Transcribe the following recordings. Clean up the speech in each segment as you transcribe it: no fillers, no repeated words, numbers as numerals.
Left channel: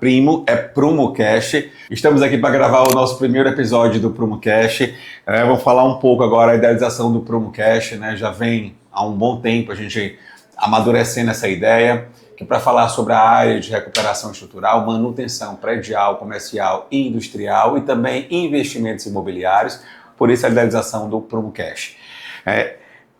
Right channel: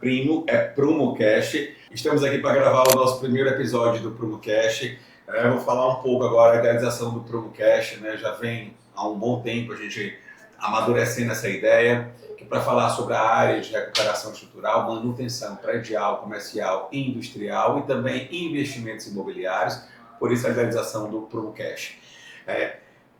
Primo, é PrumoCast. Estamos aqui para gravar o nosso primeiro episódio do PrumoCast. Vou falar um pouco agora da idealização do PrumoCast, né? Já vem há um bom tempo a gente amadurecendo essa ideia, que para falar sobre a área de recuperação estrutural, manutenção predial, comercial e industrial e também investimentos imobiliários, por isso a idealização do PrumoCast.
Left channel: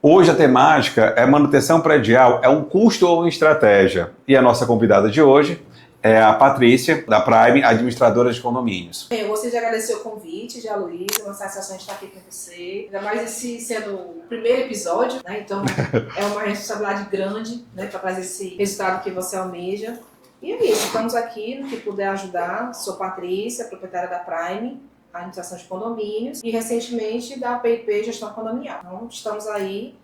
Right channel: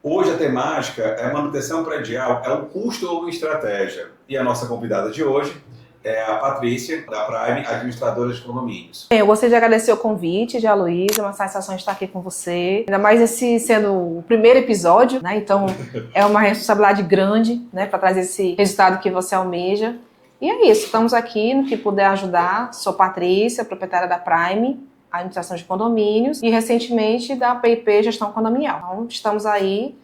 Hoje a temática é manutenção predial, é um custo ou uma estratégia? E a nossa convidada de hoje é a Patrícia, da Prime, administradora de condomínios. Bem, eu gostaria de agradecer o convite de Aloysio, é uma satisfação de estar aqui com você. Ainda mais esse sendo o primeiro episódio, né? Então é uma responsabilidade grande, né? Para trazer esse resultado que você almeja. E é isso, estamos aqui no que puder ajudar. Sou Patrícia, proprietária da Prime, administração de condomínios, e recentemente da PIP Gestão Condominial. Então estamos aí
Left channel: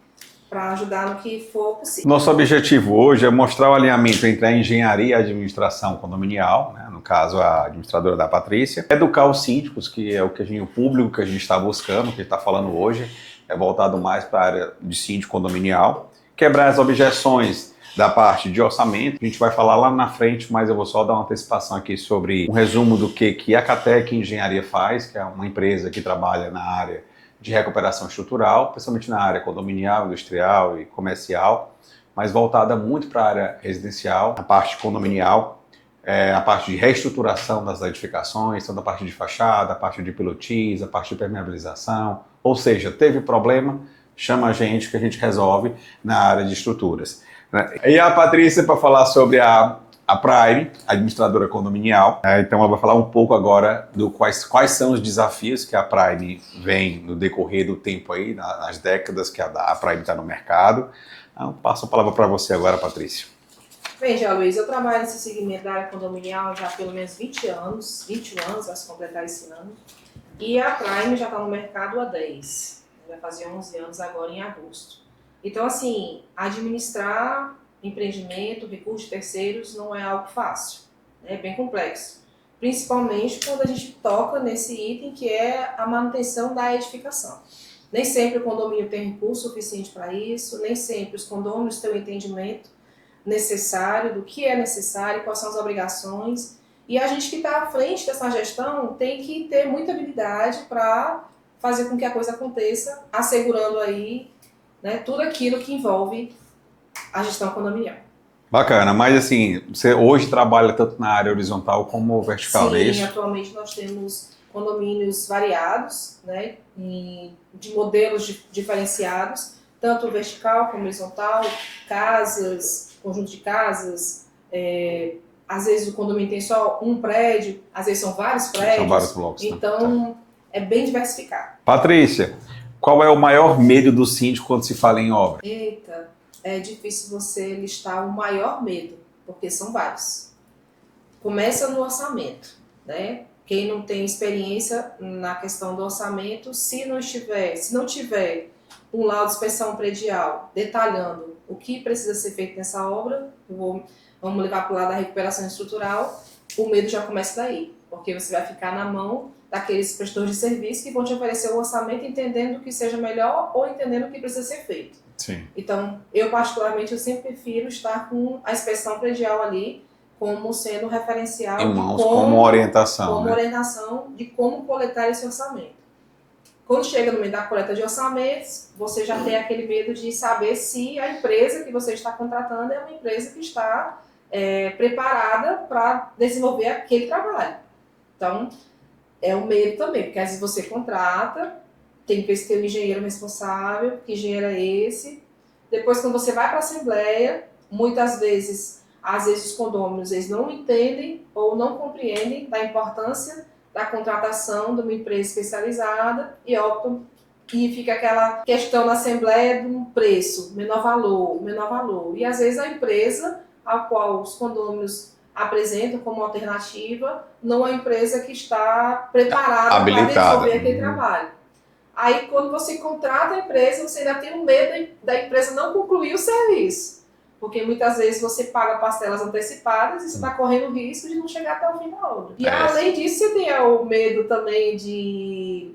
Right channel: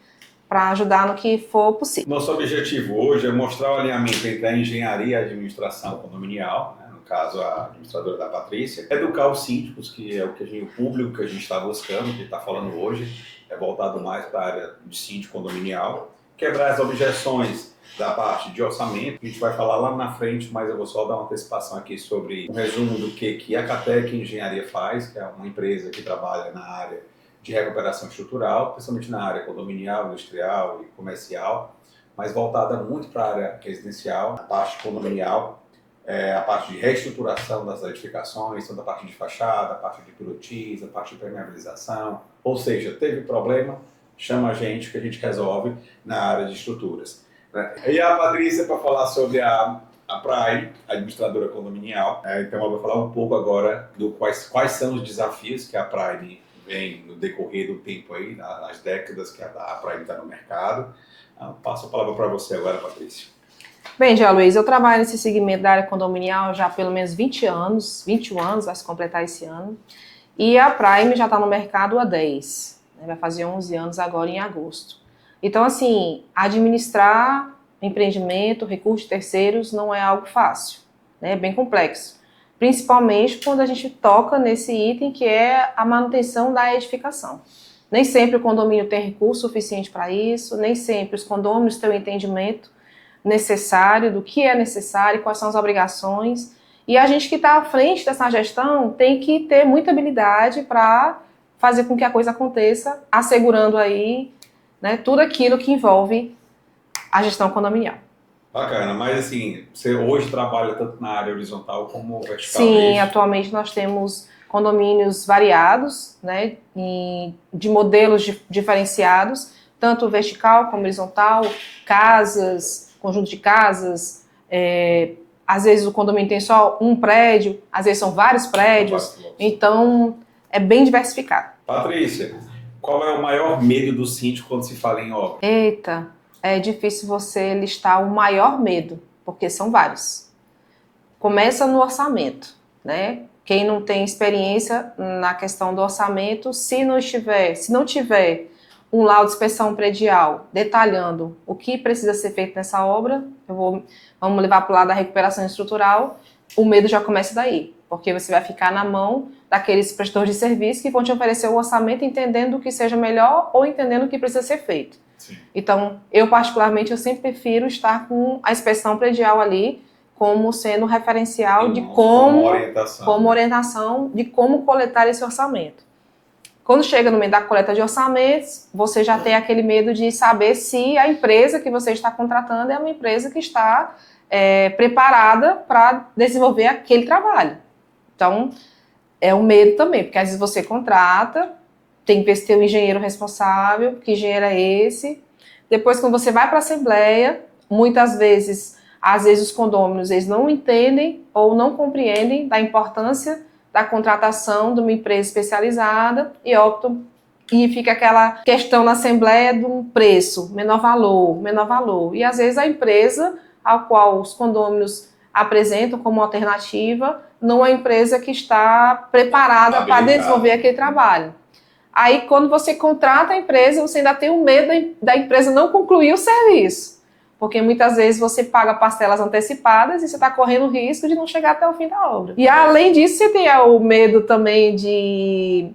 para ajudar no que for possível. Nosso objetivo hoje é mostrar o alinhamento entre a engenharia e a administração condominial, né? No caso a administradora da Patrícia, educar os síndicos, que é o público que a gente está buscando, que está falando hoje, é voltado mais para a área de síndico condominial, quebrar as objeções da parte de orçamento. A gente vai falar lá na frente, mas eu vou só dar uma antecipação aqui sobre um resumo do que a Catec Engenharia faz, que é uma empresa que trabalha na área de recuperação estrutural, principalmente na área condominial, industrial e comercial, mas voltada muito para a área residencial, a parte condominial, a parte de reestruturação das edificações, toda a parte de fachada, a parte de pilotis, a parte de permeabilização. Ou seja, teve problema, chama a gente que a gente resolve na área de estruturas. E a Patrícia para falar sobre a Prime, administradora condominial. Então ela vai falar um pouco agora do quais são os desafios que a Prime vem no decorrer do tempo aí, nas décadas que a Prime está no mercado. Então, passo a palavra para você agora, Patrícia. Bem, já, Luiz, eu trabalho nesse segmento da área condominial já há pelo menos 20 anos, 21 anos, vai se completar esse ano. E a Prime já está no mercado há 10, né? Vai fazer 11 anos agora em agosto. Então, assim, administrar empreendimento, recursos de terceiros não é algo fácil, né? É bem complexo. Principalmente quando a gente toca nesse item que é a manutenção da edificação. Nem sempre o condomínio tem recurso suficiente para isso, nem sempre os condôminos têm o entendimento necessário do que é necessário, quais são as obrigações. E a gente que está à frente dessa gestão tem que ter muita habilidade para fazer com que a coisa aconteça, assegurando aí, né, tudo aquilo que envolve a gestão condominial. Bacana, mas assim, você hoje trabalha tanto na área horizontal como vertical, Sim, não é isso? atualmente nós temos condomínios variados, né, de modelos diferenciados, tanto vertical como horizontal, casas, conjunto de casas, às vezes o condomínio tem só um prédio, às vezes são vários prédios, São vários blocos, né? então é bem diversificado. Patrícia, qual é o maior medo do síndico quando se fala em obra? Eita, é difícil você listar o maior medo, porque são vários. Começa no orçamento, né? Quem não tem experiência na questão do orçamento, se não tiver um laudo de inspeção predial detalhando o que precisa ser feito nessa obra, vamos levar para o lado da recuperação estrutural, o medo já começa daí, porque você vai ficar na mão daqueles prestadores de serviço que vão te oferecer um orçamento entendendo o que seja melhor ou entendendo o que precisa ser feito. Sim. Então, eu particularmente, eu sempre prefiro estar com a inspeção predial ali como sendo referencial de como orientação, como né? orientação de como coletar esse orçamento. Quando chega no meio da coleta de orçamentos, você já tem aquele medo de saber se a empresa que você está contratando é uma empresa que está preparada para desenvolver aquele trabalho. Então, é um medo também, porque às vezes você contrata, tem que ver se tem um engenheiro responsável, que engenheiro é esse. Depois, quando você vai para a assembleia, muitas vezes, às vezes os condôminos eles não entendem ou não compreendem da importância da contratação de uma empresa especializada e optam, e fica aquela questão na assembleia do preço, menor valor. E às vezes a empresa a qual os condôminos apresentam como alternativa não é a empresa que está preparada para desenvolver aquele trabalho. Aí, quando você contrata a empresa, você ainda tem o medo da empresa não concluir o serviço. Porque muitas vezes você paga parcelas antecipadas e você está correndo o risco de não chegar até o fim da obra. E além disso, você tem o medo também de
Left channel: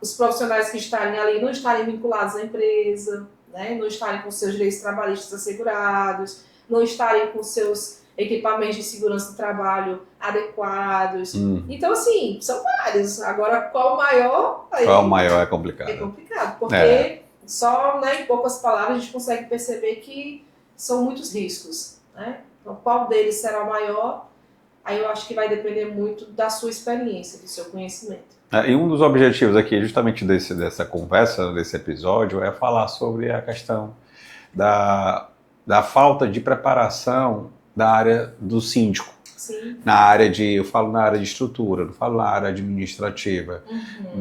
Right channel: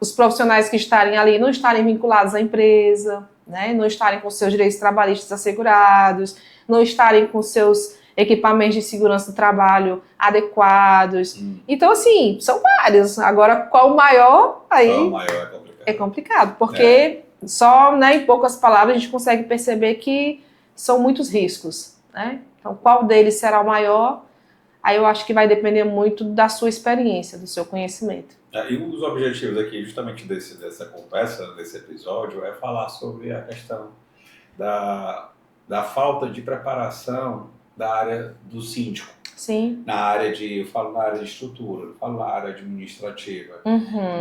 os profissionais que estarem ali não estarem vinculados à empresa, né? Não estarem com seus direitos trabalhistas assegurados, não estarem com seus equipamentos de segurança do trabalho adequados. Então, assim, são vários. Agora, qual o maior? Aí Qual o maior é complicado. é complicado, porque só, né, em poucas palavras a gente consegue perceber que são muitos riscos, né? Então, qual deles será o maior? Aí eu acho que vai depender muito da sua experiência, do seu conhecimento. E um dos objetivos aqui, justamente dessa conversa, desse episódio, é falar sobre a questão da falta de preparação da área do síndico. Sim. Eu falo na área de estrutura, não falo na área administrativa.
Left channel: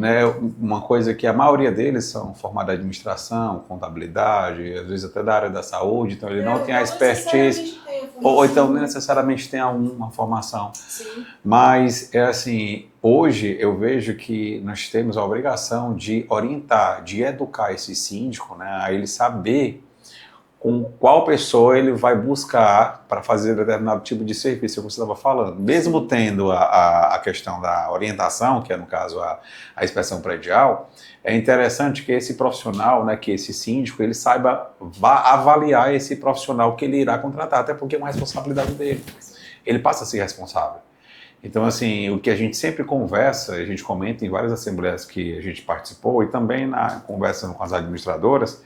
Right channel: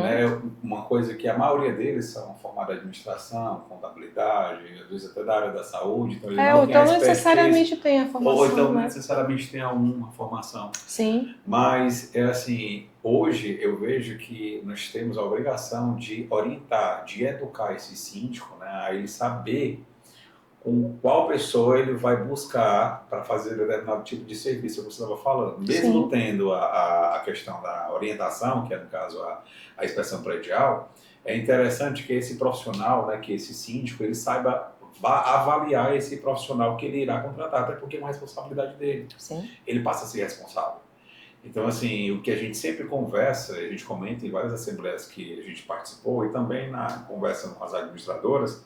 Né? Uma coisa que a maioria deles são formados em administração, contabilidade, às vezes até da área da saúde, então eles não têm a expertise. Tem a formação, ou então necessariamente tem alguma formação. Sim. Mas, é assim, hoje eu vejo que nós temos a obrigação de orientar, de educar esse síndico, né, a ele saber com qual pessoa ele vai buscar para fazer determinado tipo de serviço, como você estava falando. Mesmo Sim. tendo a questão da orientação, que é no caso a inspeção predial, é interessante que esse profissional, né, que esse síndico, ele saiba avaliar esse profissional que ele irá contratar, até porque é uma responsabilidade dele. Sim. Ele passa a ser responsável. Então, assim, o que a gente sempre conversa, a gente comenta em várias assembleias que a gente participou e também na conversa com as administradoras,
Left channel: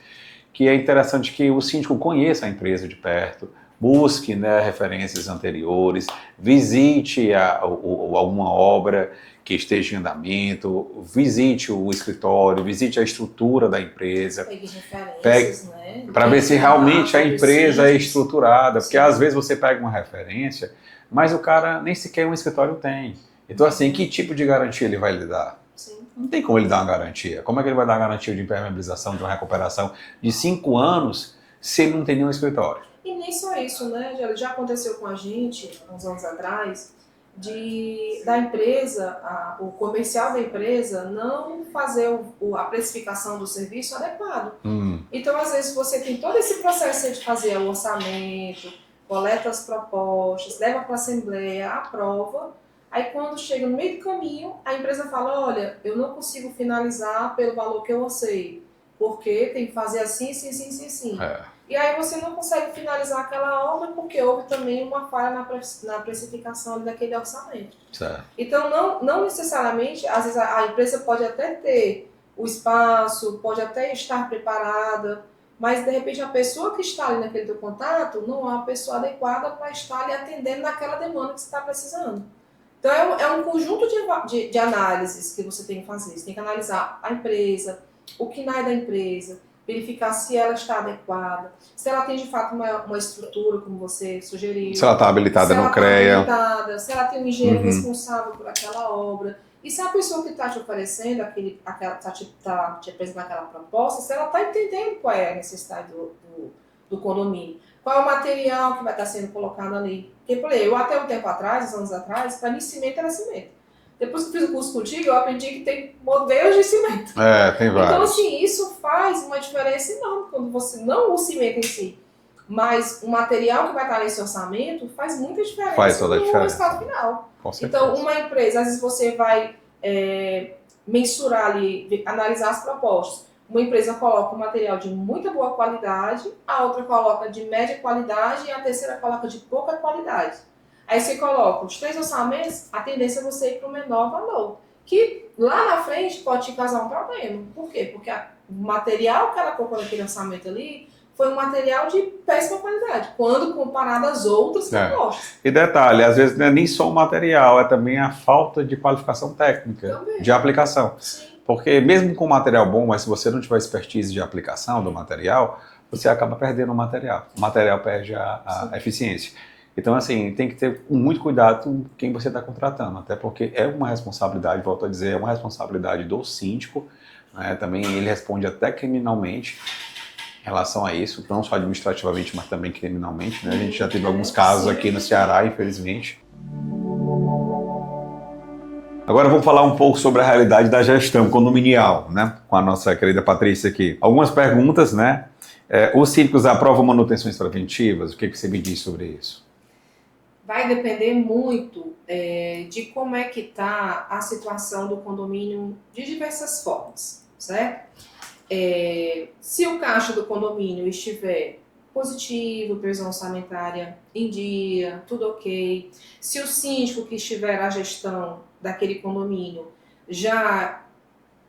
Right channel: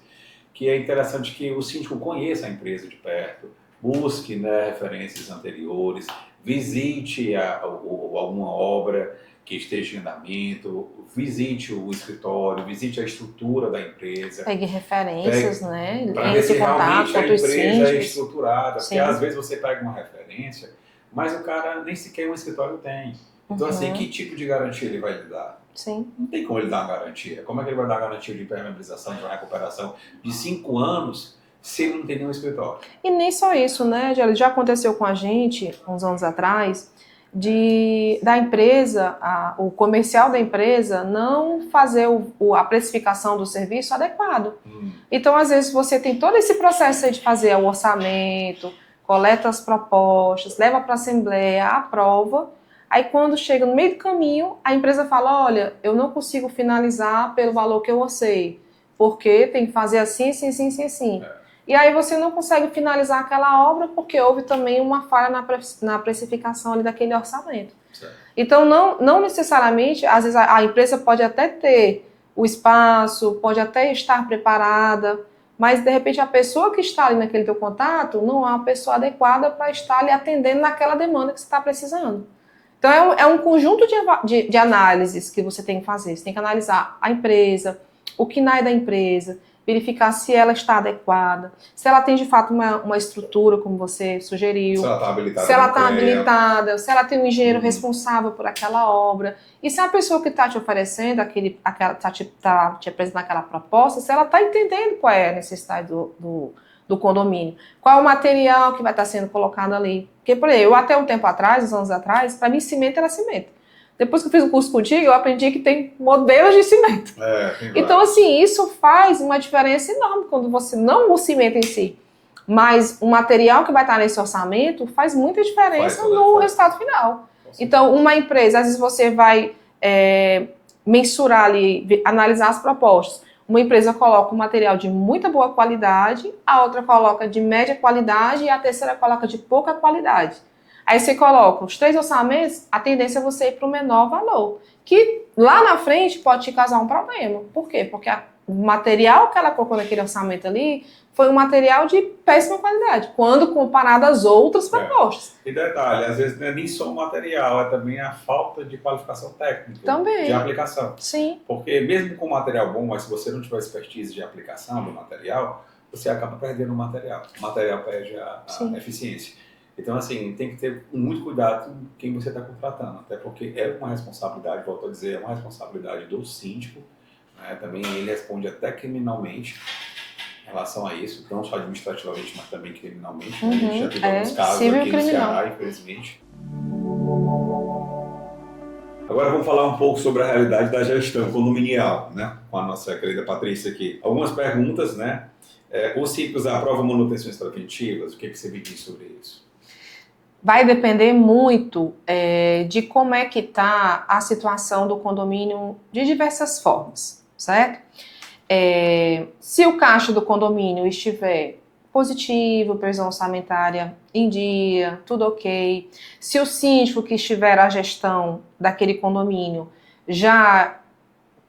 que é interessante que o síndico conheça a empresa de perto, busque, né, referências anteriores, visite alguma obra que esteja em andamento, visite o escritório, visite a estrutura da empresa. Pegue referências, né? Para ver se realmente a empresa é estruturada, porque Sim. às vezes você pega uma referência, mas o cara nem sequer um escritório tem. Então, assim, que tipo de garantia ele vai lhe dar? Sim. Não tem como ele dar uma garantia. Como é que ele vai dar uma garantia de impermeabilização, de uma recuperação de 5 anos se ele não tem nenhum escritório? E nem só isso, né, Gélio? Já aconteceu com a gente, uns anos atrás, da empresa, o comercial da empresa não fazer a precificação do serviço adequado. Então, às vezes, você tem todo esse processo aí de fazer o orçamento, coleta as propostas, leva para a assembleia, aprova. Aí, quando chega no meio do caminho, a empresa fala, olha, eu não consigo finalizar pelo valor que eu orcei, porque tem que fazer assim, assim, assim, assim, assim. E aí você não consegue finalizar aquela obra porque houve também uma falha na precificação ali daquele orçamento. Certo. Então, não necessariamente, às vezes a empresa pode até ter o espaço, pode até estar preparada, mas de repente a pessoa que está ali naquele teu contato não é uma pessoa adequada para estar ali atendendo naquela demanda que você está precisando. Então, é um conjunto de análises que você tem que fazer. Você tem que analisar a empresa, o KNAI da empresa, verificar se ela está adequada, se ela tem de fato uma estrutura, como você sugeriu. Se ela está habilitada no CREA. Se ela está habilitada, se ela tem um engenheiro responsável por aquela obra. E se a pessoa que está te oferecendo, está te apresentando aquela proposta, se ela está entendendo qual é a necessidade do condomínio. Qual é o material que vai estar sendo colocado ali. Porque, por exemplo, eu até um tempo atrás, uns anos atrás, para mim cimento era cimento. Depois que eu fiz o curso contigo, eu aprendi que tem modelos de cimento. Tem vários. Então, assim, isso faz uma diferença enorme quando você, não o cimento em si, mas o material que vai estar nesse orçamento faz muita diferença no resultado final. Então, uma empresa, às vezes você vai mensurar ali, analisar as propostas. Uma empresa coloca um material de muita boa qualidade, a outra coloca de média qualidade e a terceira coloca de pouca qualidade. Aí você coloca os 3 orçamentos, a tendência é você ir para o menor valor, que lá na frente pode te causar um problema. Por quê? Porque o material que ela colocou naquele orçamento ali foi um material de péssima qualidade, quando comparado às outras propostas. E detalhe, às vezes não é nem só o material, é também a falta de qualificação técnica, também. De aplicação. Sim. Porque mesmo com material bom, mas se você não tiver expertise de aplicação do material, você acaba perdendo o material. O material perde a eficiência. Então, assim, tem que ter muito cuidado com quem você está contratando, até porque é uma responsabilidade, volto a dizer, é uma responsabilidade do síndico, né? Também ele responde até criminalmente em relação a isso, não só administrativamente, mas também criminalmente, né? A gente já teve alguns casos aqui no Ceará, infelizmente. Agora vamos falar um pouco sobre a realidade da gestão condominial, né? Com a nossa querida Patrícia aqui. Algumas perguntas, né? Os síndicos aprovam manutenções preventivas? O que você me diz sobre isso? Vai depender muito de como é que está a situação do condomínio de diversas formas, certo? Se o caixa do condomínio estiver positivo, previsão orçamentária em dia, tudo ok. Se o síndico que estiver à gestão daquele condomínio já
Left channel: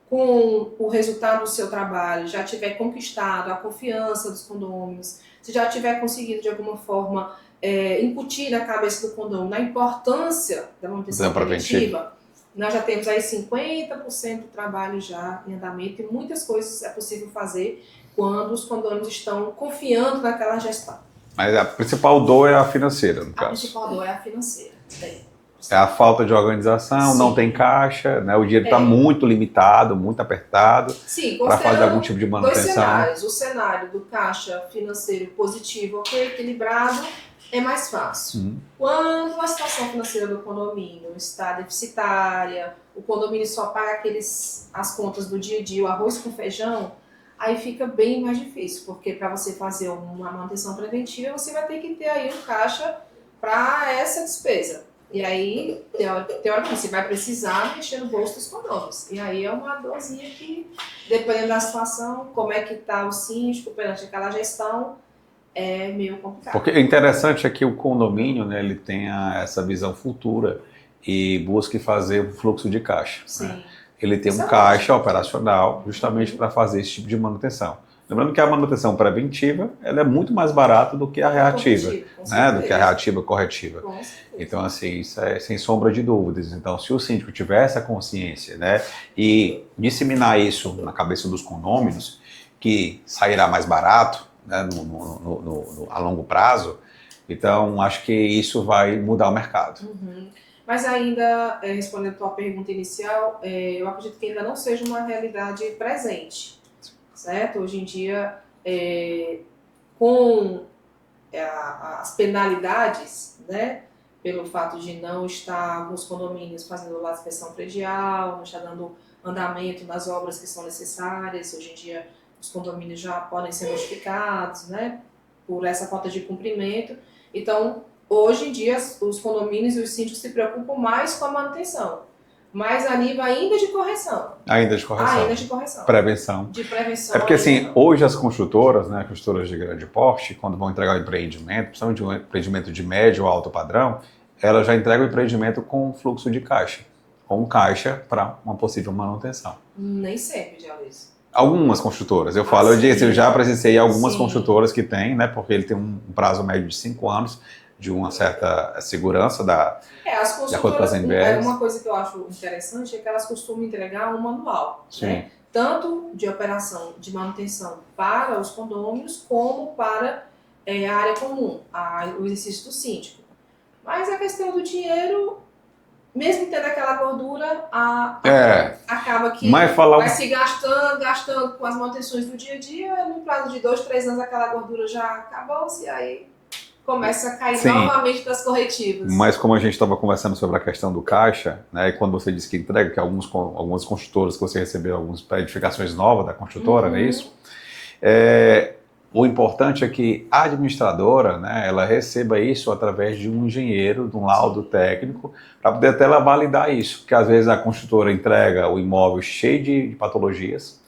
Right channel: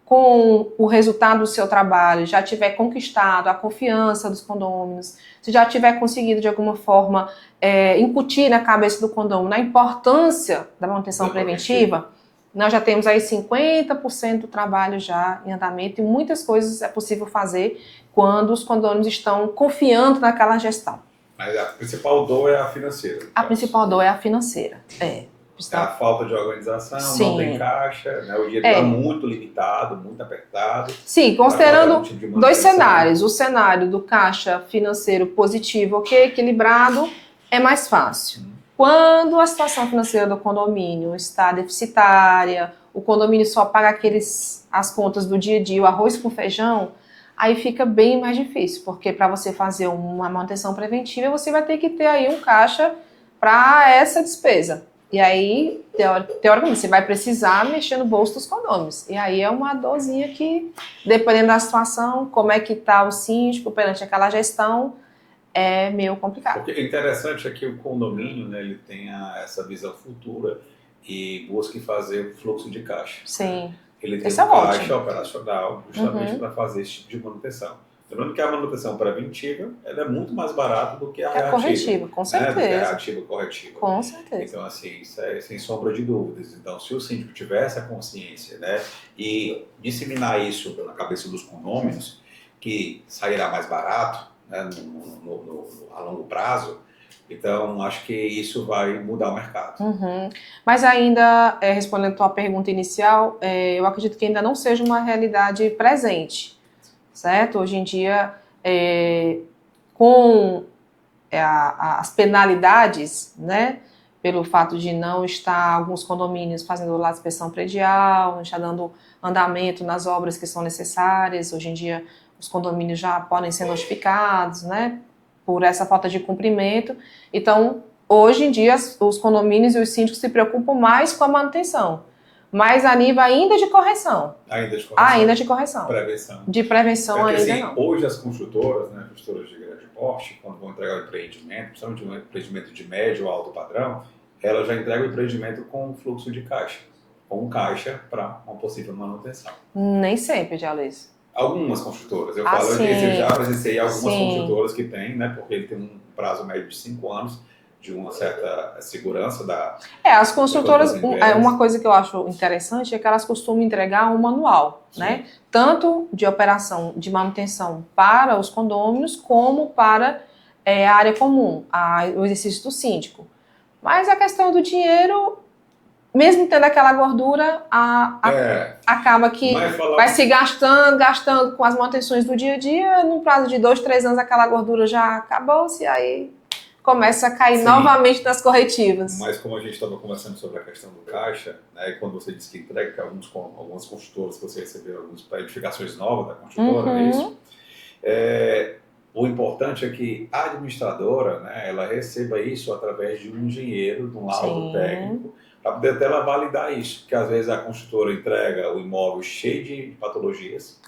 com o resultado do seu trabalho, já tiver conquistado a confiança dos condôminos, se já tiver conseguido de alguma forma incutir na cabeça do condômino a importância da manutenção preventiva, nós já temos aí 50% do trabalho já em andamento e muitas coisas é possível fazer quando os condôminos estão confiando naquela gestão. Mas a principal dor é a financeira, no A caso. principal dor é a financeira. É a falta de organização, Sim. não tem caixa, né? O dinheiro está muito limitado, muito apertado. Sim, considerando tipo de dois cenários. O cenário do caixa financeiro positivo, ok, equilibrado, é mais fácil. Quando a situação financeira do condomínio está deficitária, o condomínio só paga as contas do dia a dia, o arroz com feijão, aí fica bem mais difícil, porque para você fazer uma manutenção preventiva, você vai ter que ter aí um caixa para essa despesa. E aí, teoricamente, você vai precisar mexer no bolso dos condôminos. E aí é uma dorzinha que, dependendo da situação, como é que está o síndico perante aquela gestão, é meio complicado. Porque o interessante é que o condomínio, né, ele tenha essa visão futura e busque fazer o fluxo de caixa. Sim. Né? Ele tem Isso um caixa ótimo. operacional justamente para fazer esse tipo de manutenção. Lembrando que a manutenção preventiva ela é muito mais barata do que a reativa. Corretiva, com né? certeza. Do que a reativa corretiva. Com certeza. Então, assim, isso é sem sombra de dúvidas. Então, se o síndico tiver essa consciência, né, e disseminar isso na cabeça dos condôminos, que sairá mais barato, né, a longo prazo, então acho que isso vai mudar o mercado. Mas ainda, respondendo a tua pergunta inicial, eu acredito que ainda não seja uma realidade presente. Certo? Hoje em dia, com as penalidades, né, pelo fato de não estar alguns condomínios fazendo lá inspeção predial, não estar dando andamento nas obras que são necessárias, hoje em dia os condomínios já podem ser notificados, né, por essa falta de cumprimento. Então, hoje em dia, os condomínios e os síndicos se preocupam mais com a manutenção. Mas a nível ainda de correção. Ainda de correção. Ainda de correção. Prevenção. De prevenção. É porque assim, não. hoje as construtoras, né, construtoras de grande porte, quando vão entregar o empreendimento, principalmente um empreendimento de médio ou alto padrão, elas já entregam o empreendimento com fluxo de caixa, com caixa para uma possível manutenção. Nem sempre, Dialise. Algumas construtoras, eu falo, sim. eu já presenciei algumas Sim. construtoras que têm, né, porque ele tem um prazo médio de 5 anos, de uma certa segurança da... As construtoras, NBS. uma coisa que eu acho interessante é que elas costumam entregar um manual, né? Tanto de operação de manutenção para os condôminos, como para a área comum, o exercício do síndico. Mas a questão do dinheiro, mesmo tendo aquela gordura, acaba que vai se gastando com as manutenções do dia a dia, no prazo de 2, 3 anos aquela gordura já acabou-se, aí começa a cair novamente nas corretivas. Mas como a gente estava conversando sobre a questão do caixa, né, e quando você disse que entrega, que algumas construtoras que você recebeu algumas edificações novas da construtora, não é isso? O importante é que a administradora, né, ela receba isso através de um engenheiro, de um laudo técnico, para poder até ela validar isso. Porque às vezes a construtora entrega o imóvel cheio de patologias,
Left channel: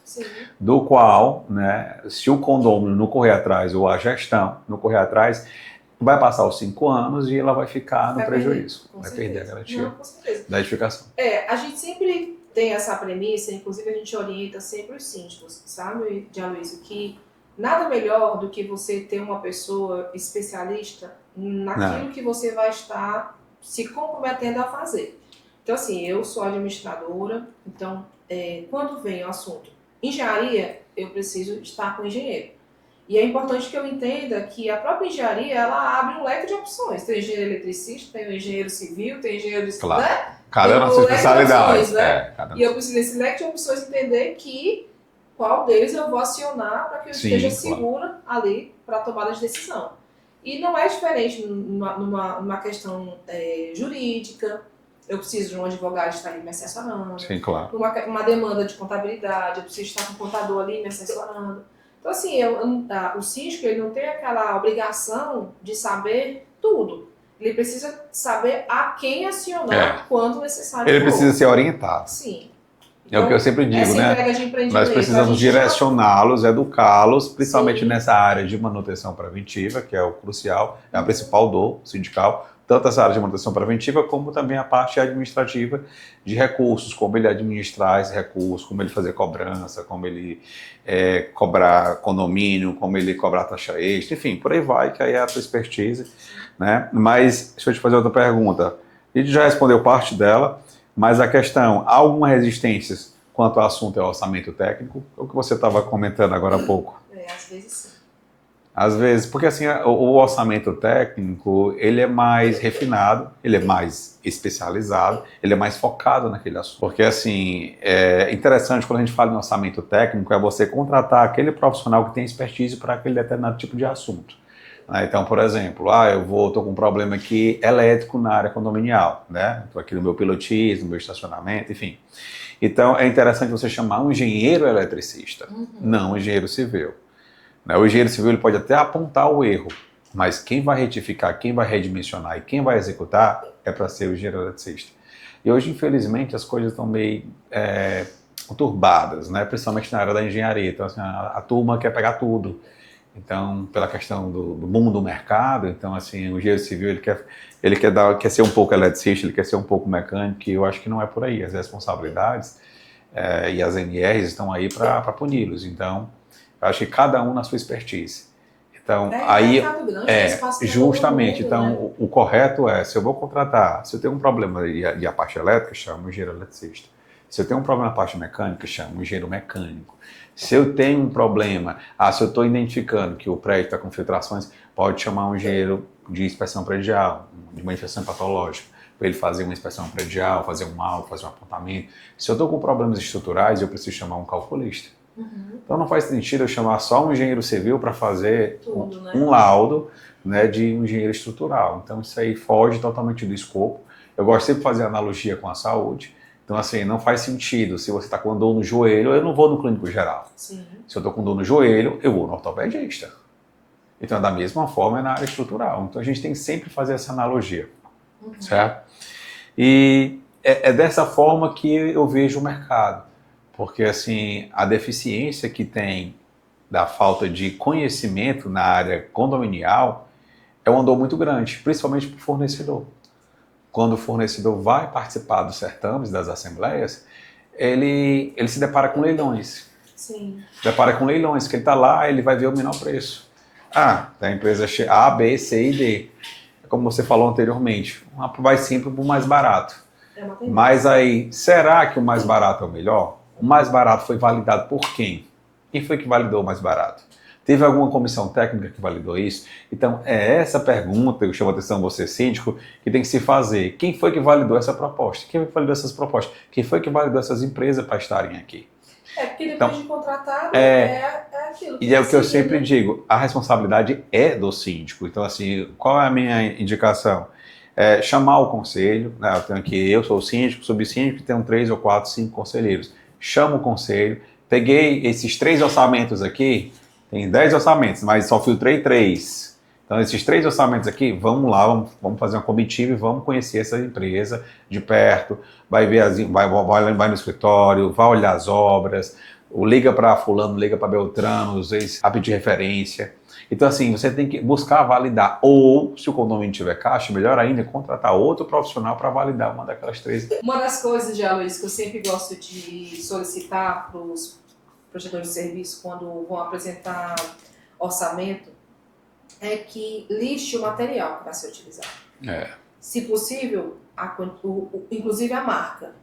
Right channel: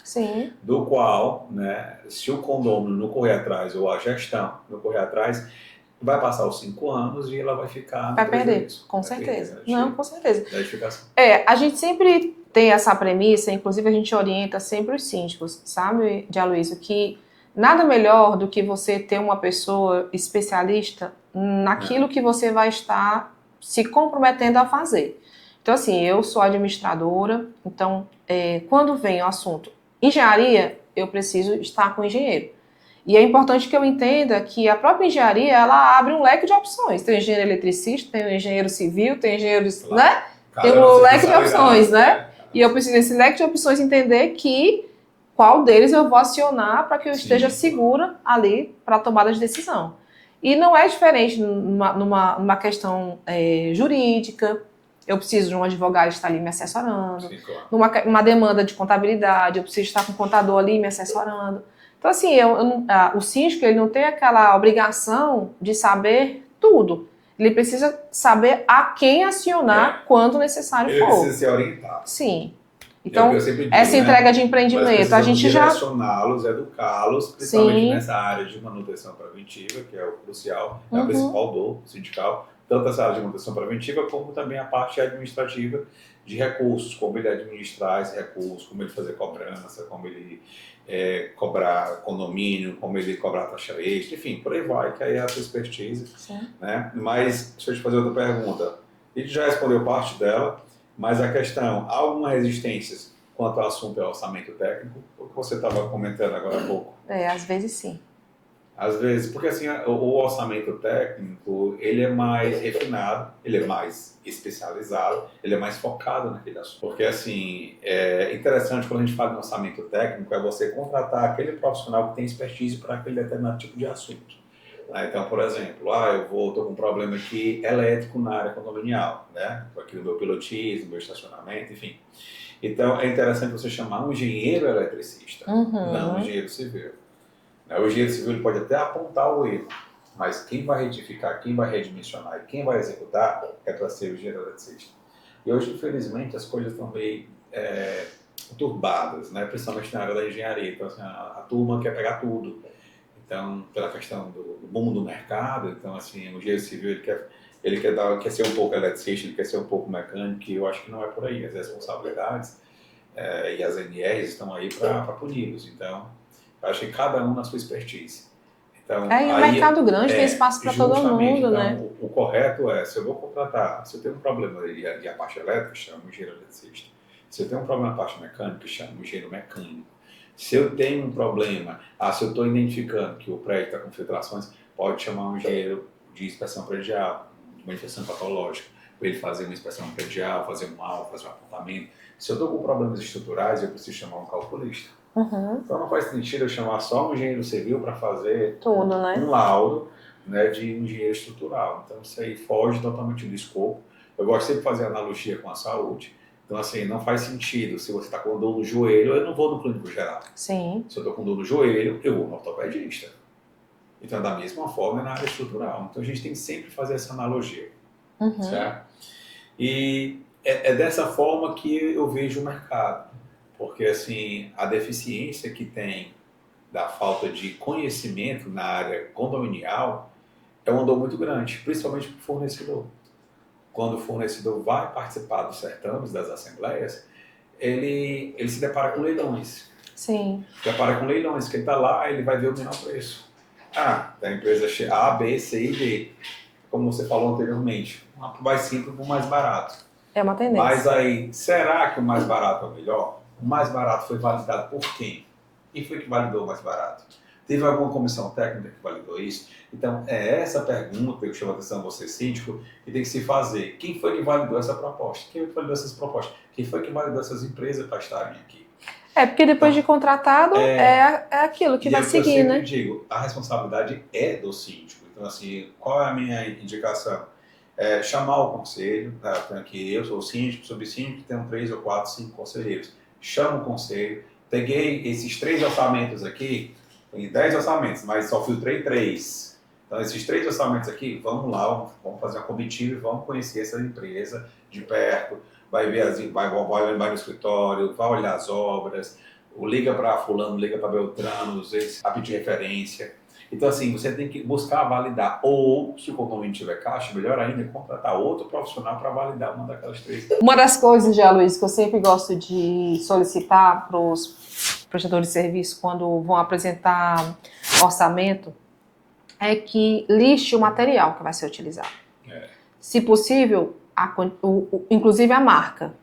do qual, né, se o condomínio não correr atrás, ou a gestão não correr atrás, vai passar os 5 anos e ela vai ficar no prejuízo. Com certeza. Não, com certeza. Da edificação. A gente sempre tem essa premissa, inclusive a gente orienta sempre os síndicos, sabe, Dialoísio, que nada melhor do que você ter uma pessoa especialista naquilo que você vai estar se comprometendo a fazer. Então, assim, eu sou administradora, então, quando vem o assunto engenharia, eu preciso estar com o engenheiro. E é importante que eu entenda que a própria engenharia, ela abre um leque de opções. Tem o engenheiro eletricista, tem o engenheiro civil, tem o engenheiro... né? Tem um leque de opções, né? E eu preciso, nesse leque de opções, entender qual deles eu vou acionar para que eu esteja segura ali para a tomada de decisão. E não é diferente numa questão jurídica. Eu preciso de um advogado estar ali me assessorando. Sim, claro. Numa demanda de contabilidade, eu preciso estar com o contador ali me assessorando. Então, assim, o síndico ele não tem aquela obrigação de saber tudo. Ele precisa saber a quem acionar quando necessário for. Ele precisa ser orientado. Sim. É o que eu sempre digo, essa entrega de empreendimento, nós precisamos a gente direcioná-los, educá-los, principalmente Sim. nessa área de manutenção preventiva, que é o crucial, é a Uhum. principal dor sindical, tanto essa área de manutenção preventiva, como também a parte administrativa de recursos, como ele administrar esse recurso, como ele fazer cobrança, como ele cobrar condomínio, como ele cobrar taxa extra, enfim, por aí vai, que aí é a sua expertise. Sim. Né? Mas, deixa eu te fazer outra pergunta. A gente já respondeu parte dela, mas a questão, há alguma resistência quanto ao assunto é orçamento técnico? O que você estava comentando agora há pouco. Às vezes sim. Às vezes, porque assim, o orçamento técnico, ele é mais refinado, ele é mais especializado, ele é mais focado naquele assunto. Porque assim, é interessante quando a gente fala em orçamento técnico, é você contratar aquele profissional que tem expertise para aquele determinado tipo de assunto. Então, por exemplo, estou com um problema aqui elétrico na área condominial, né? Estou aqui no meu pilotismo, no meu estacionamento, enfim. Então, é interessante você chamar um engenheiro eletricista, não um engenheiro civil. O engenheiro civil ele pode até apontar o erro, mas quem vai retificar, quem vai redimensionar e quem vai executar é para ser o engenheiro eletricista. E hoje, infelizmente, as coisas estão meio conturbadas, né? Principalmente na área da engenharia. Então, assim, a turma quer pegar tudo. Então, pela questão do mundo do mercado, então, assim, o engenheiro civil ele quer ser um pouco eletricista, ele quer ser um pouco mecânico, e eu acho que não é por aí. As responsabilidades e as NRs estão aí para puni-los. Então, eu acho que cada um na sua expertise. Então, um mercado grande, tem espaço para todo mundo. Justamente, então, né? o correto é, se eu vou contratar, se eu tenho um problema e a parte elétrica, chamo o engenheiro eletricista. Se eu tenho um problema na parte mecânica, chamo o engenheiro mecânico. Se eu tenho um problema, se eu estou identificando que o prédio está com filtrações, pode chamar um engenheiro de inspeção predial, de manifestação patológica, para ele fazer uma inspeção predial, fazer um laudo, fazer um apontamento. Se eu estou com problemas estruturais, eu preciso chamar um calculista. Então não faz sentido eu chamar só um engenheiro civil para fazer um laudo, né, de um engenheiro estrutural. Então isso aí foge totalmente do escopo. Eu gosto sempre de fazer analogia com a saúde. Então, assim, não faz sentido. Se você está com dor no joelho, eu não vou no clínico geral. Sim. Se eu estou com dor no joelho, eu vou no ortopedista. Então, da mesma forma, é na área estrutural. Então, a gente tem que sempre fazer essa analogia. Certo? E é dessa forma que eu vejo o mercado. Porque, assim, a deficiência que tem da falta de conhecimento na área condominial é uma dor muito grande, principalmente para o fornecedor. Quando o fornecedor vai participar dos certames, das assembleias, ele se depara com leilões. Sim. Depara com leilões, que ele está lá, ele vai ver o menor preço. Da empresa A, B, C e D. Como você falou anteriormente, vai sempre para o mais barato. É uma tendência. Mas aí, será que o mais barato é o melhor? O mais barato foi validado por quem? Quem foi que validou o mais barato? Teve alguma comissão técnica que validou isso? Então, é essa pergunta que eu chamo a atenção você, síndico, que tem que se fazer. Quem foi que validou essa proposta? Quem foi que validou essas propostas? Quem foi que validou essas empresas para estarem aqui? Porque depois de contratado, é aquilo que vai seguir, E é o que eu sempre digo, a responsabilidade é do síndico. Então, assim, qual é a minha indicação? Chamar o conselho, né? Eu tenho aqui, eu sou o síndico, subsíndico, tenho 3 ou 4, 5 conselheiros. Chamo o conselho, peguei esses 3 orçamentos aqui, tem 10 orçamentos, mas só filtrei 3. Então, esses 3 orçamentos aqui, vamos lá, vamos fazer uma comitiva e vamos conhecer essa empresa de perto. Vai ver, vai no escritório, vai olhar as obras, liga para fulano, liga para Beltrano, às vezes a pedir referência. Então, assim, você tem que buscar validar. Ou, se o condomínio tiver caixa, melhor ainda, contratar outro profissional para validar uma daquelas 3. Uma das coisas, já, Luiz, que eu sempre gosto de solicitar para os prestadores de serviço quando vão apresentar orçamento é que liste o material que vai ser utilizado. Se possível, inclusive a marca.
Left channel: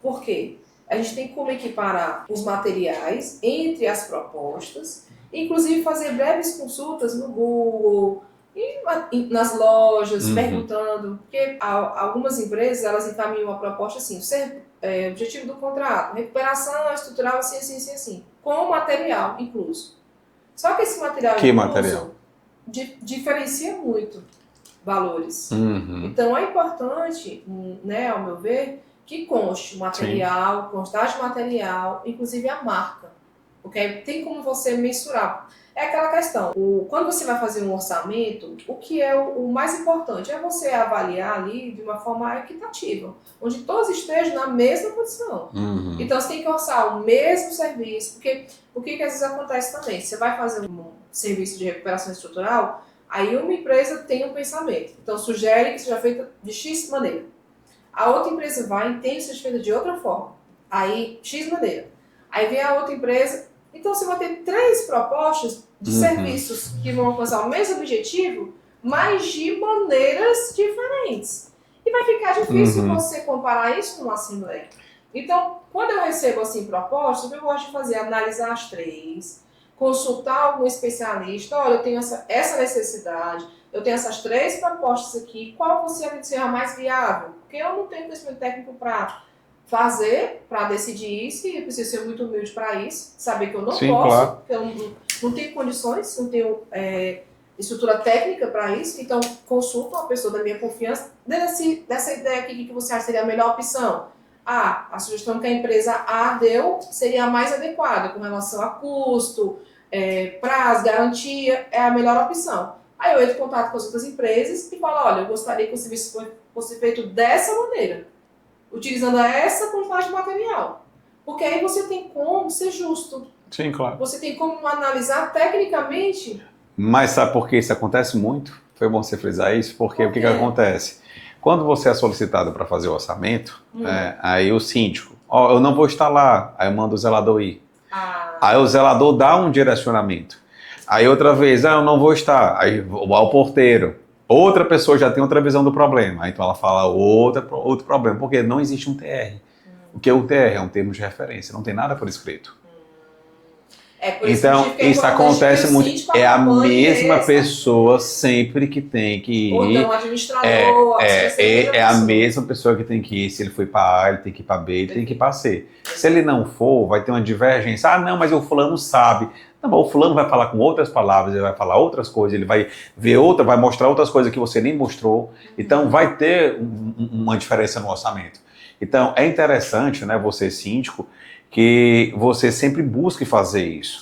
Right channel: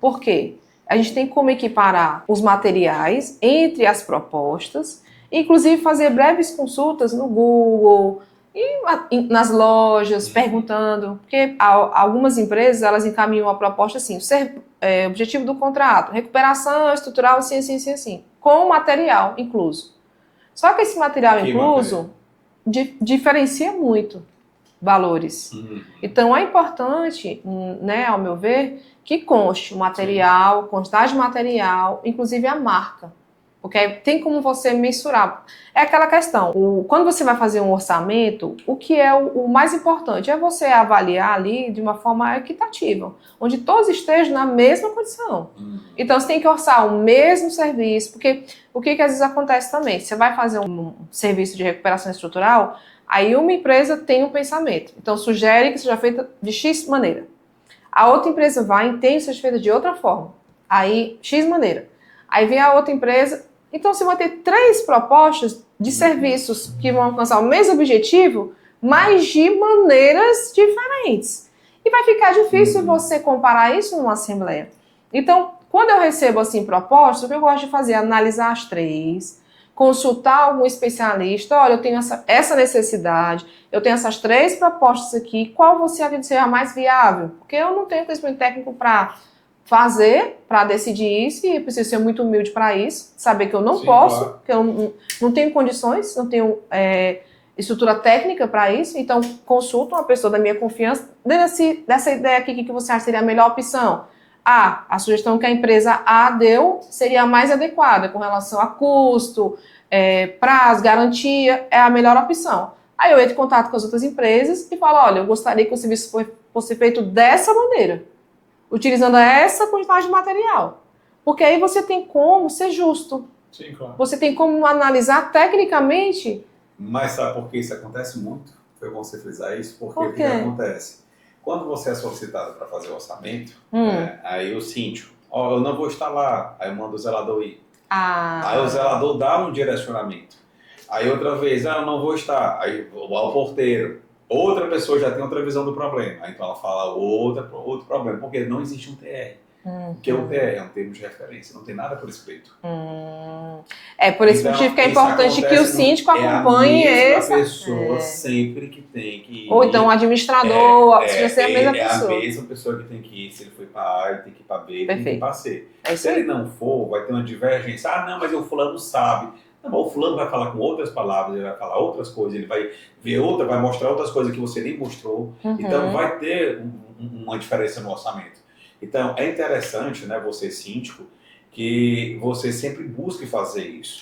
Por quê? A gente tem como equiparar os materiais entre as propostas, inclusive fazer breves consultas no Google, e nas lojas, perguntando, porque algumas empresas elas encaminham a proposta assim, objetivo do contrato, recuperação estrutural, assim, com material incluso. Só que esse material incluso diferencia muito valores. Então é importante, né, ao meu ver, que conste o material, quantidade de material, inclusive a marca. Porque tem como você mensurar. É aquela questão, quando você vai fazer um orçamento, o que é o mais importante é você avaliar ali de uma forma equitativa, onde todos estejam na mesma condição. Uhum. Então você tem que orçar o mesmo serviço, porque o que às vezes acontece também? Você vai fazer um serviço de recuperação estrutural, aí uma empresa tem um pensamento, então sugere que seja feita de X maneira. A outra empresa vai e entende que seja feita de outra forma, aí X maneira. Aí vem a outra empresa. Então, você vai ter 3 propostas de serviços que vão alcançar o mesmo objetivo, mas de maneiras diferentes. E vai ficar difícil você comparar isso numa assembleia. Então, quando eu recebo assim propostas, o que eu gosto de fazer é analisar as 3, consultar algum especialista. Olha, eu tenho essa necessidade, eu tenho essas 3 propostas aqui, qual você acha que seja a mais viável? Porque eu não tenho conhecimento técnico para fazer, para decidir isso, e eu preciso ser muito humilde para isso, saber que eu não posso, claro, que eu não tenho condições, não tenho estrutura técnica para isso, então consulto uma pessoa da minha confiança, dessa ideia aqui, o que você acha seria a melhor opção? A sugestão que a empresa A deu seria a mais adequada com relação a custo, prazo, garantia, é a melhor opção. Aí eu entro em contato com as outras empresas e falo, olha, eu gostaria que o serviço fosse feito dessa maneira, utilizando essa quantidade de material. Porque aí você tem como ser justo. Sim, claro. Você tem como analisar tecnicamente. Mas sabe por que isso acontece muito? Foi bom você frisar isso, porque o que acontece? Quando você é solicitado para fazer o orçamento, aí o síndico, eu não vou estar lá, aí eu mando o zelador ir. Aí o zelador dá um direcionamento. Aí outra vez, eu não vou estar, aí o porteiro. Outra pessoa já tem outra visão do problema, então ela fala outro problema, porque não existe um TR. Porque o TR é um termo de referência, não tem nada por escrito. Por esse motivo que é importante que o síndico acompanhe. É a mesma pessoa sempre que tem que ir. Ou então o administrador, é a mesma pessoa que tem que ir. Se ele foi para A, ele tem que ir para B, ele tem que ir para C. Se ele não for, vai ter uma divergência. Não, mas o fulano sabe. Não, o fulano vai falar com outras palavras, ele vai falar outras coisas, ele vai ver vai mostrar outras coisas que você nem mostrou. Então vai ter uma diferença no orçamento. Então é interessante, né, você síndico, que você sempre busque fazer isso.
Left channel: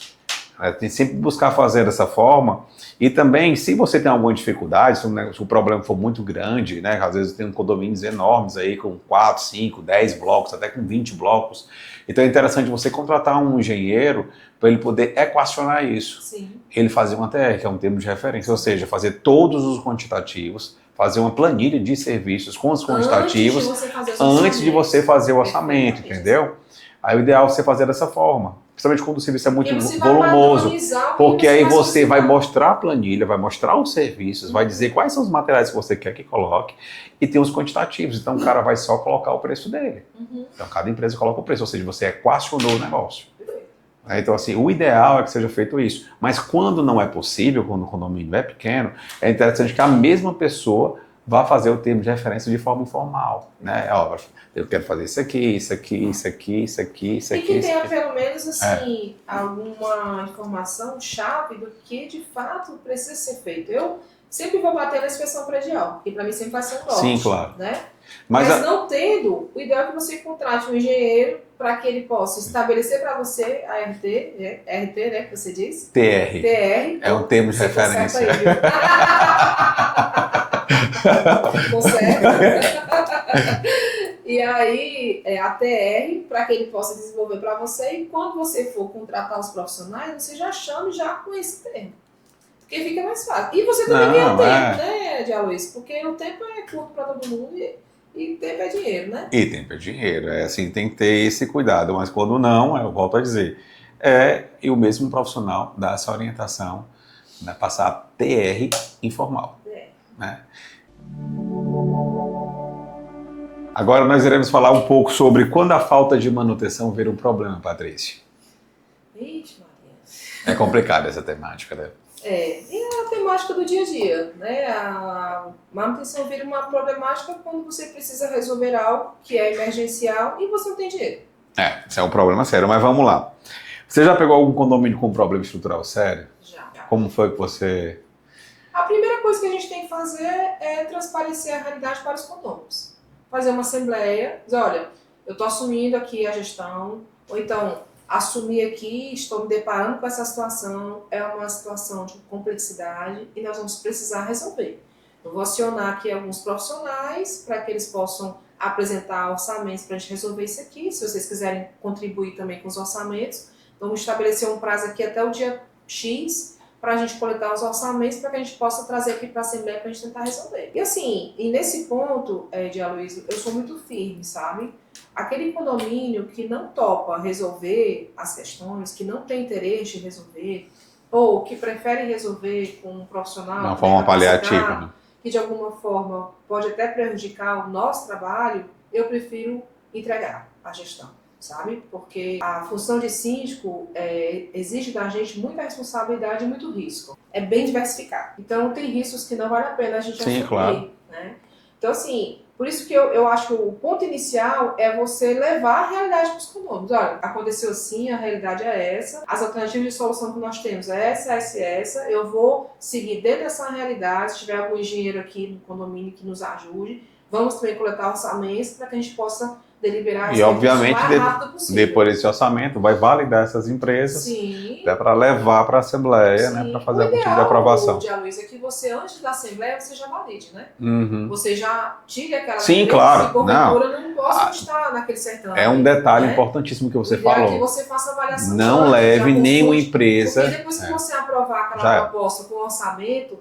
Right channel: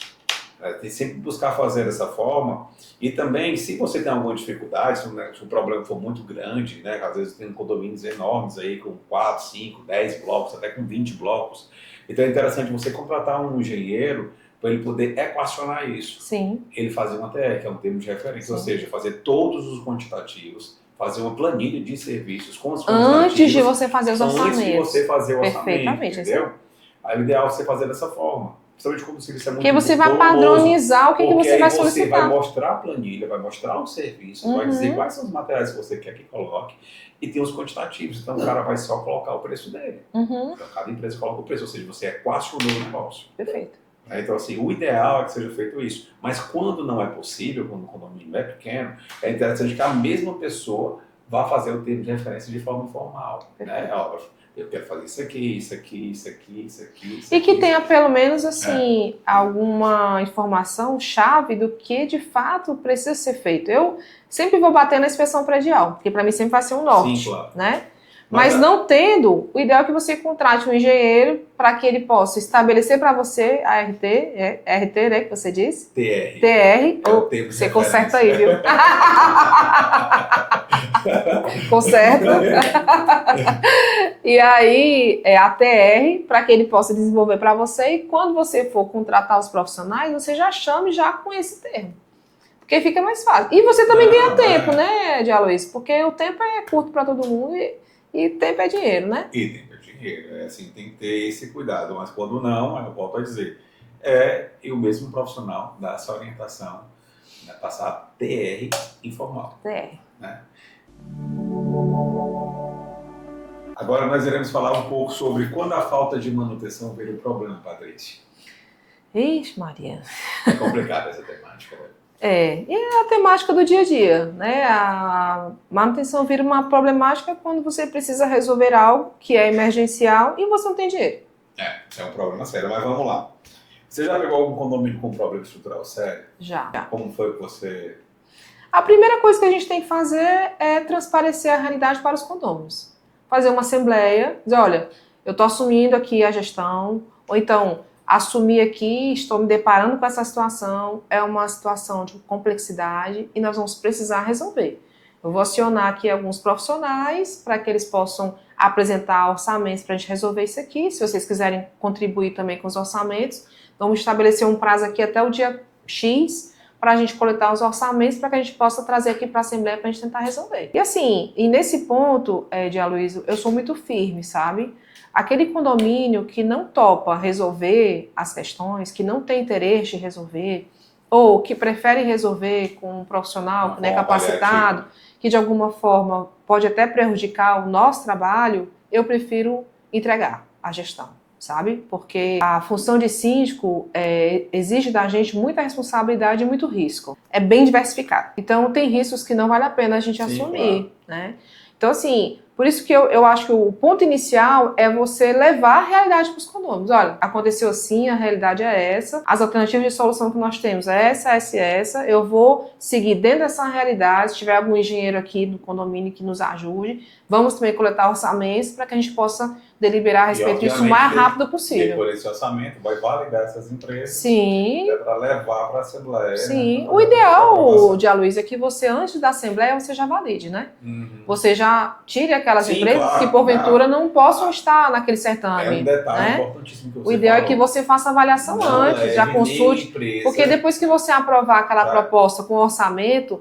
Tem sempre buscar fazer dessa forma. E também, se você tem alguma dificuldade, se o problema for muito grande, né, às vezes tem condomínios enormes aí com 4, 5, 10 blocos, até com 20 blocos. Então é interessante você contratar um engenheiro para ele poder equacionar isso. Sim. Ele fazer uma TR, que é um termo de referência, ou seja, fazer todos os quantitativos, fazer uma planilha de serviços com os quantitativos antes de você fazer os orçamentos. Antes de você fazer o orçamento, entendeu? Aí o ideal é você fazer dessa forma. Principalmente quando o serviço é muito volumoso. Porque você vai padronizar o que porque você aí vai você vai mostrar a planilha, vai mostrar os serviços, vai dizer quais são os materiais que você quer que coloque e tem os quantitativos. Então o cara vai só colocar o preço dele. Então cada empresa coloca o preço, ou seja, você equacionou o negócio. Perfeito. Então, assim, o ideal é que seja feito isso. Mas quando não é possível, quando o condomínio é pequeno, é interessante que a mesma pessoa vá fazer o termo de referência de forma informal. Né? Eu quero fazer isso aqui, isso aqui, isso aqui, isso aqui, isso aqui. E que tenha pelo menos, assim, alguma informação chave do que de fato precisa ser feito. Eu sempre vou bater na inspeção predial, porque para mim sempre vai ser um norte. Sim, claro. Né? Mas não tendo, o ideal é que você contrate um engenheiro para que ele possa estabelecer para você a RT, RT, né, que você disse? TR. TR. É o termo de referência. Você conserta aí, viu? Conserta. E aí, a TR, para que ele possa desenvolver para você. E quando você for contratar os profissionais, você já chame já com esse termo. Porque fica mais fácil. E você também ganha tempo, né, Dialoísio? Porque o tempo é curto para todo mundo e tempo é dinheiro, né? E tempo é dinheiro, assim, tem que ter esse cuidado, mas quando não, eu volto a dizer, e o mesmo profissional dá essa orientação, né, passar TR informal. TR. Né? Agora nós iremos falar um pouco sobre quando a falta de manutenção vira um problema, Patrícia. Ixi, Maria. É complicada essa temática, né? E é a temática do dia a dia, né? A manutenção vira uma problemática quando você precisa resolver algo que é emergencial e você não tem dinheiro. Isso é um problema sério, mas vamos lá. Você já pegou algum condomínio com problema estrutural sério? Já. Como foi que você... A primeira coisa que a gente tem que fazer é transparecer a realidade para os condôminos. Fazer uma assembleia, dizer, olha, eu estou assumindo aqui a gestão, ou então... assumi aqui, estou me deparando com essa situação, é uma situação de complexidade e nós vamos precisar resolver. Eu vou acionar aqui alguns profissionais para que eles possam apresentar orçamentos para a gente resolver isso aqui. Se vocês quiserem contribuir também com os orçamentos, vamos estabelecer um prazo aqui até o dia X para a gente coletar os orçamentos para que a gente possa trazer aqui para a Assembleia para a gente tentar resolver. E assim, e nesse ponto, de Aloysio, eu sou muito firme, sabe? Aquele condomínio que não topa resolver as questões, que não tem interesse em resolver, ou que prefere resolver com um profissional que é capacitado, que de alguma forma pode até prejudicar o nosso trabalho, eu prefiro entregar a gestão, sabe? Porque a função de síndico exige da gente muita responsabilidade e muito risco. É bem diversificado. Então tem riscos que não vale a pena a gente assumir, claro, né? Então assim, por isso que eu acho que o ponto inicial é você levar a realidade para os condôminos. Olha, aconteceu assim, a realidade é essa, as alternativas de solução que nós temos é essa, eu vou seguir dentro dessa realidade, se tiver algum engenheiro aqui do condomínio que nos ajude, vamos também coletar orçamentos para que a gente possa deliberar a respeito disso o mais rápido possível. Depois desse orçamento, vai validar essas empresas. Sim. Para levar para a Assembleia, sim, né? Para fazer o ideal, de Aloysio, é que você, antes da Assembleia, você já valide, né? Uhum. Você já tire aquelas Sim, empresas claro, que, porventura, não possam estar naquele certame. É um detalhe, né, né? importantíssimo que você falou. O ideal é que você faça avaliação não antes, leve já consulte, nenhuma empresa. porque depois que você aprovar aquela proposta com orçamento,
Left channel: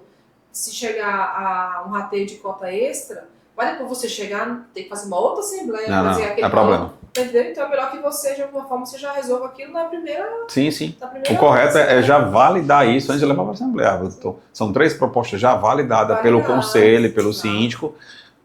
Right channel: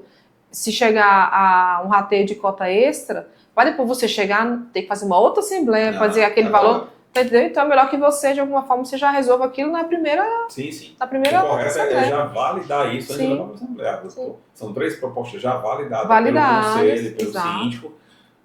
se chegar a um rateio de cota extra, vai depois você chegar, ter que fazer uma outra Assembleia, fazer aquele valor. Entendeu? Então é melhor que você, de alguma forma, você já resolva aquilo na primeira... Sim. Na primeira o correto é já validar isso antes de levar para a Assembleia. Sim. São 3 propostas já validadas pelo conselho e pelo síndico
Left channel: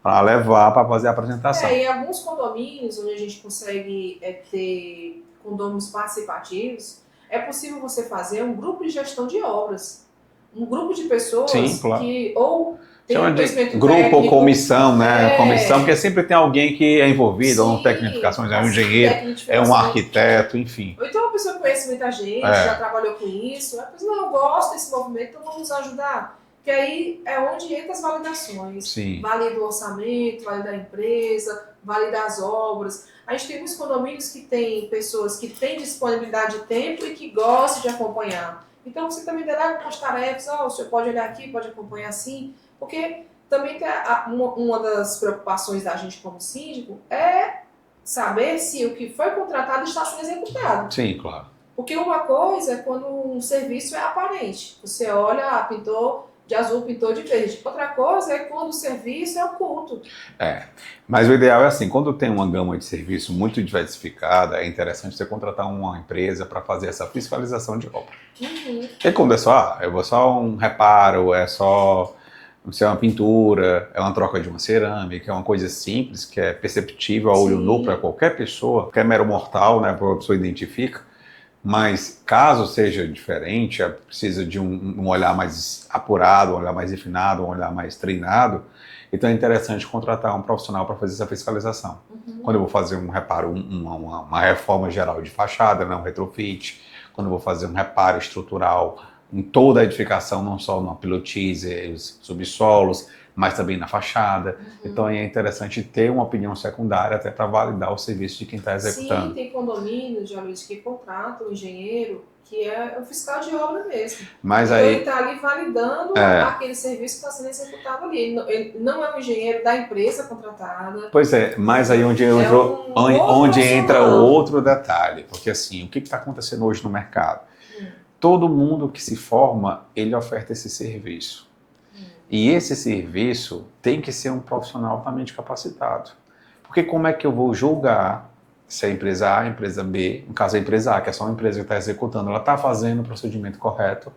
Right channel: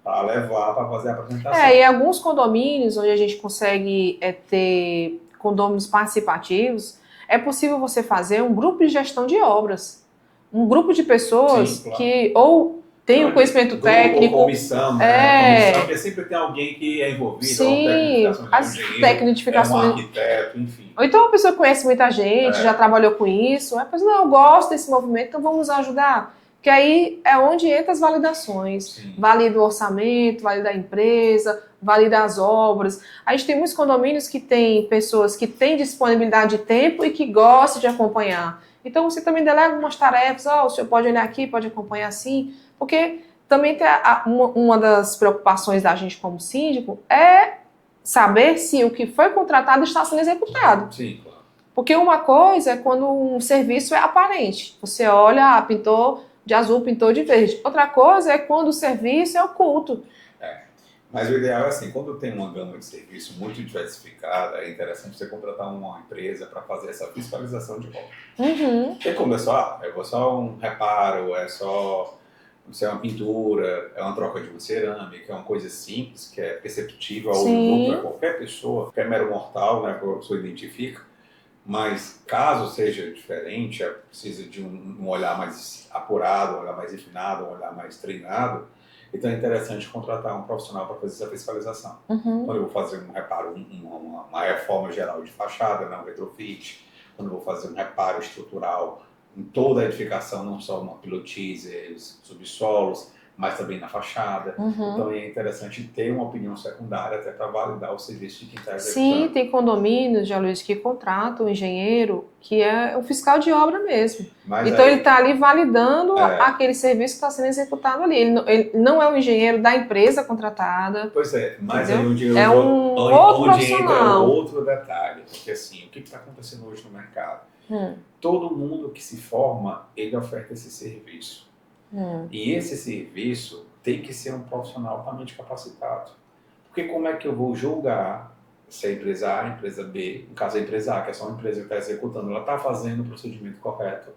para levar para fazer a apresentação. E alguns condomínios onde a gente consegue ter condôminos participativos, é possível você fazer um grupo de gestão de obras. Um grupo de pessoas que ou tem um conhecimento técnico... Grupo ou comissão, né? Comissão, porque sempre tem alguém que é envolvido, ou um tecnificações, é um engenheiro, é um arquiteto, enfim. Ou então uma pessoa que conhece muita gente, já trabalhou com isso, mas não, eu gosto desse movimento, então vamos ajudar. Que aí é onde entra as validações. Sim. Valida o orçamento, valida a empresa, valida as obras. A gente tem muitos condomínios que tem pessoas que têm disponibilidade de tempo e que gostam de acompanhar. Então você também delega algumas tarefas, o senhor pode olhar aqui, pode acompanhar assim, porque também tem uma das preocupações da gente como síndico é saber se o que foi contratado está sendo executado. Sim, claro. Porque uma coisa é quando um serviço é aparente. Você olha, pintou de azul, pintou de verde. Outra coisa é quando o serviço é oculto. Mas o ideal é assim, quando tem uma gama de serviço muito diversificada, é interessante você contratar uma empresa para fazer essa fiscalização de obra. Uhum. E quando é só um reparo, é só uma pintura, é uma troca de uma cerâmica, é uma coisa simples, que é perceptível a olho nu para qualquer pessoa, qualquer mero mortal, né, a pessoa identifica. Mas caso seja diferente, precisa de um olhar mais apurado, um olhar mais refinado, um olhar mais treinado, então é interessante contratar um profissional para fazer essa fiscalização. Uhum. Quando eu vou fazer um reparo, uma reforma geral de fachada, um retrofit, quando eu vou fazer um reparo estrutural em toda a edificação, não só no pilotis, os subsolos, mas também na fachada. Uhum. Então é interessante ter uma opinião secundária até para validar o serviço de quem está executando. Sim, tem condomínios, Aloysio, que contratam um engenheiro que é o fiscal de obra mesmo. Mas então ele está ali validando aquele serviço que está sendo executado ali. Ele não é um engenheiro da empresa contratada. Pois é, mas aí onde entra outro detalhe. Porque assim, o que está acontecendo hoje no mercado? Todo mundo que se forma, ele oferta esse serviço. E esse serviço tem que ser um profissional altamente capacitado. Porque como é que eu vou julgar se a empresa A, a empresa B, no caso a empresa A, que é só uma empresa que está executando, ela está fazendo o procedimento correto,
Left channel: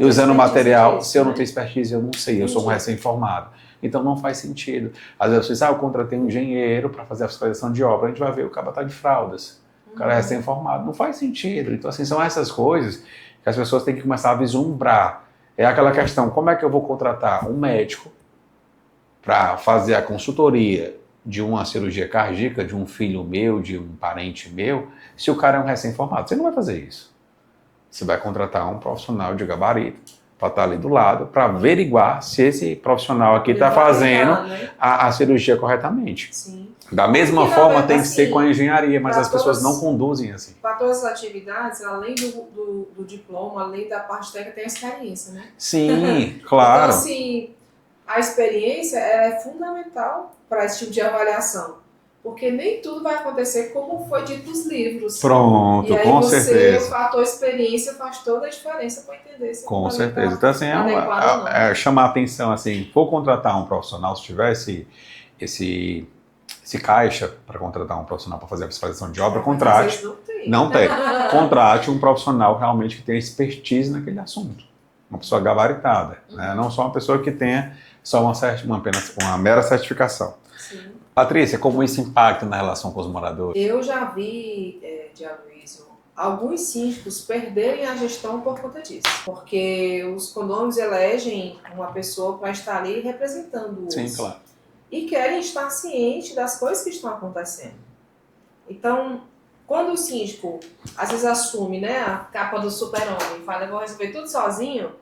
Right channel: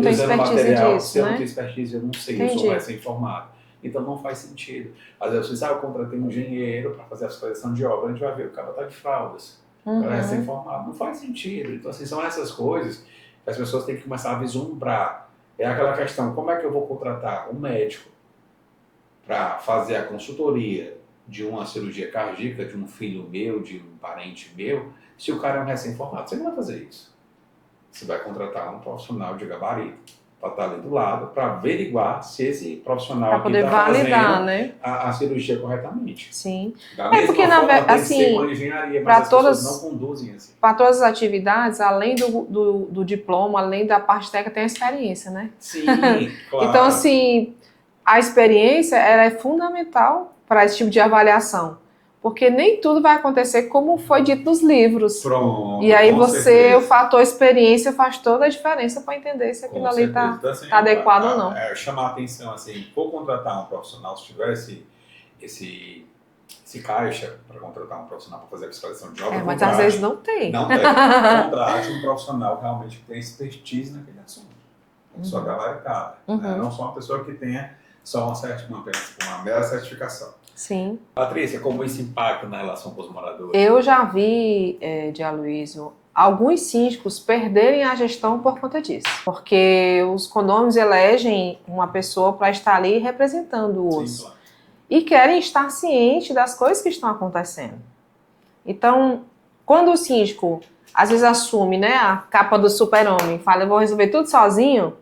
e usando material, se eu não tenho expertise, eu não sei, eu sou um recém-formado. Então não faz sentido. Às vezes você eu contratei um engenheiro para fazer a fiscalização de obra, a gente vai ver, o cara está de fraldas, o cara é recém-formado. Não faz sentido. Então assim, são essas coisas que as pessoas têm que começar a vislumbrar. É aquela questão, como é que eu vou contratar um médico para fazer a consultoria de uma cirurgia cardíaca de um filho meu, de um parente meu, se o cara é um recém-formado? Você não vai fazer isso. Você vai contratar um profissional de gabarito para estar ali do lado, para averiguar se esse profissional Pra aqui poder está validar, fazendo né? a cirurgia corretamente. Sim. Da mesma porque, forma, tem que assim, ser com a engenharia, mas pra as pessoas todas- não conduzem assim. Para todas as atividades, além do diploma, além da parte técnica, tem a experiência, né? Sim, claro. Então, assim, a experiência ela é fundamental para esse tipo de avaliação. Porque nem tudo vai acontecer como foi dito nos livros. Pronto, E aí com o certeza. fator experiência faz toda a diferença para entender se aquilo Com ali certeza. está Então, assim, adequado ou não. chamar a atenção, assim, for contratar um profissional, se tiver esse caixa para contratar um profissional para fazer a fiscalização de obra, Mas às contrate. vezes não tem. Não tem. Contrate um profissional realmente que tenha expertise naquele assunto. Uma pessoa gabaritada. Né? Não só uma pessoa que tenha só apenas uma mera certificação. Sim. Patrícia, como isso impacta na relação com os moradores? Eu já vi, de Aloysio, alguns síndicos perderem a gestão por conta disso. Porque os condôminos elegem uma pessoa para estar ali representando-os. Sim, claro. E querem estar cientes das coisas que estão acontecendo. Então, quando o síndico às vezes assume, né, a capa do super-homem, fala, eu vou resolver tudo sozinho,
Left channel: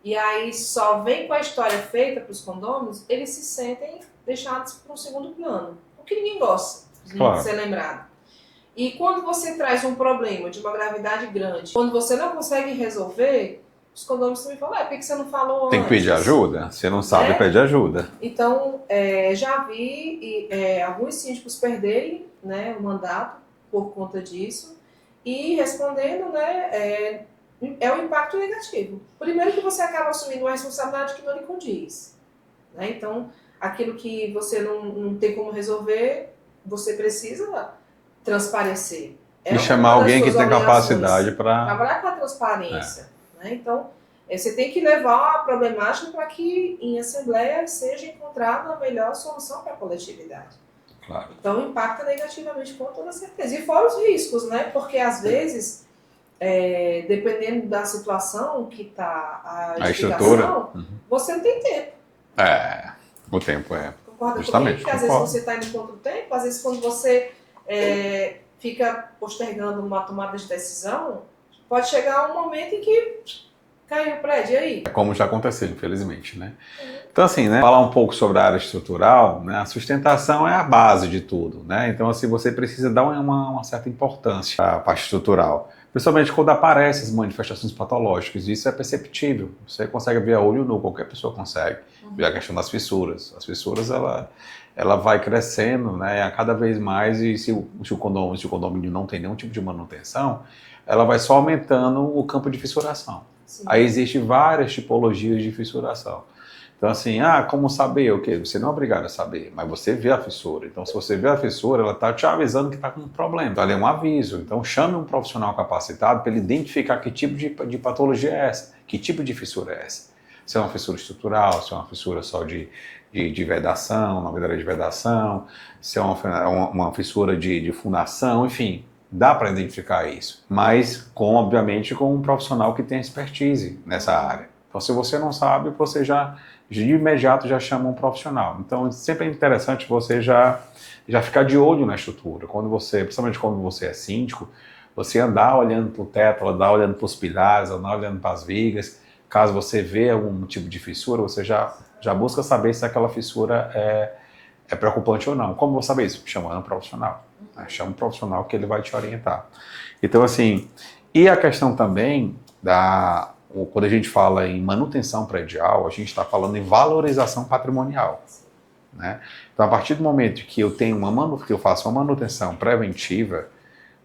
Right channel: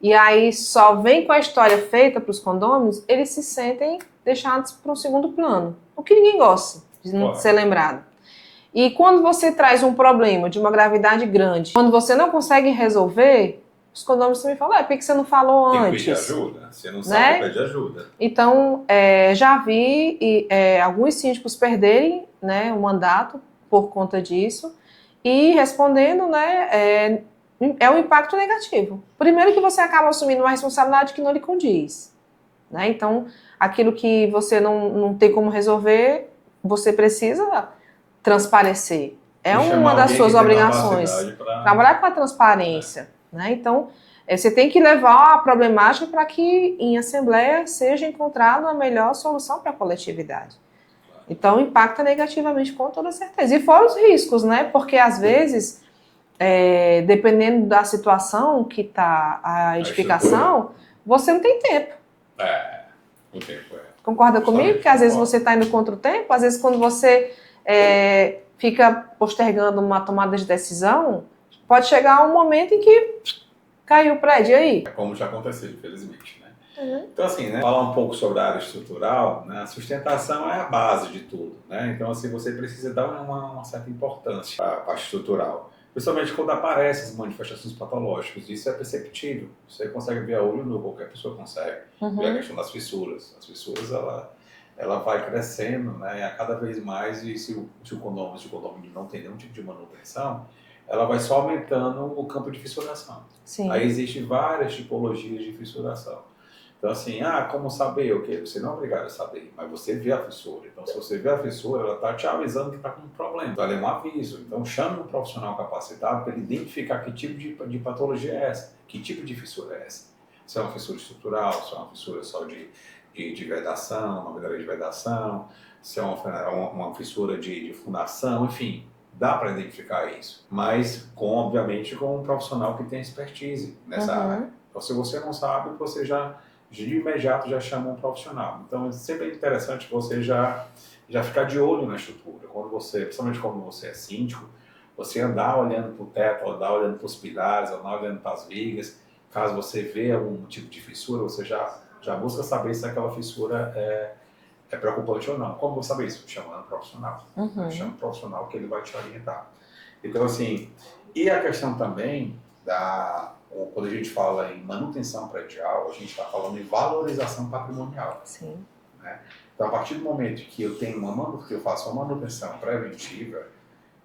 e aí só vem com a história feita para os condôminos, eles se sentem deixados para um segundo plano. O que ninguém gosta de Claro. ser lembrado. E quando você traz um problema de uma gravidade grande, quando você não consegue resolver, os condôminos também falam, por que você não falou antes? Tem que pedir ajuda. Você não sabe, Né? pede ajuda. Então, já vi alguns síndicos perderem, né, o mandato por conta disso e respondendo, né, é um impacto negativo. Primeiro que você acaba assumindo uma responsabilidade que não lhe condiz. Né? Então, aquilo que você não tem como resolver, você precisa transparecer. É E chamar uma das alguém suas que tem obrigações. capacidade para... Trabalhar com a transparência. Né? Então, você tem que levar a problemática para que em assembleia seja encontrada a melhor solução para a coletividade. Claro. Então, impacta negativamente com toda certeza. E fora os riscos, né? Porque às vezes, dependendo da situação que está a edificação, você não tem tempo. O tempo Concorda comigo? Que às vezes você está indo contra o tempo, às vezes quando você fica postergando uma tomada de decisão, pode chegar um momento em que caiu o prédio, e aí? Como já aconteceu, infelizmente, né? Então, assim, né, falar um pouco sobre a área estrutural, né, a sustentação é a base de tudo, né? Então, assim, você precisa dar uma certa importância para a parte estrutural, principalmente quando aparecem as manifestações patológicas. Isso é perceptível, você consegue ver a olho nu, qualquer pessoa consegue. Ver a questão das fissuras. As fissuras, ela vai crescendo, né, a cada vez mais, e se o condomínio não tem nenhum tipo de manutenção, ela vai só aumentando o campo de fissuração. Sim. Aí existem várias tipologias de fissuração. Então, assim, como saber? Ok, você não é obrigado a saber, mas você vê a fissura. Então, se você vê a fissura, ela está te avisando que está com um problema. Então, ali é um aviso. Então, chame um profissional capacitado para ele identificar que tipo de patologia é essa, que tipo de fissura é essa. Se é uma fissura estrutural, se é uma fissura só de vedação, novidade de vedação, se é uma fissura de fundação, enfim. Dá para identificar isso, mas obviamente com um profissional que tem expertise nessa área. Então, se você não sabe, você de imediato já chama um profissional. Então, sempre é interessante você já ficar de olho na estrutura. Principalmente quando você é síndico, você andar olhando para o teto, andar olhando para os pilares, andar olhando para as vigas. Caso você vê algum tipo de fissura, você já busca saber se aquela fissura é preocupante ou não. Como vou saber isso? Chamando um profissional. Chama um profissional que ele vai te orientar. Então, assim, e a questão também quando a gente fala em manutenção predial, a gente está falando em valorização patrimonial. Sim. Né? Então, a partir do momento que eu faço uma manutenção preventiva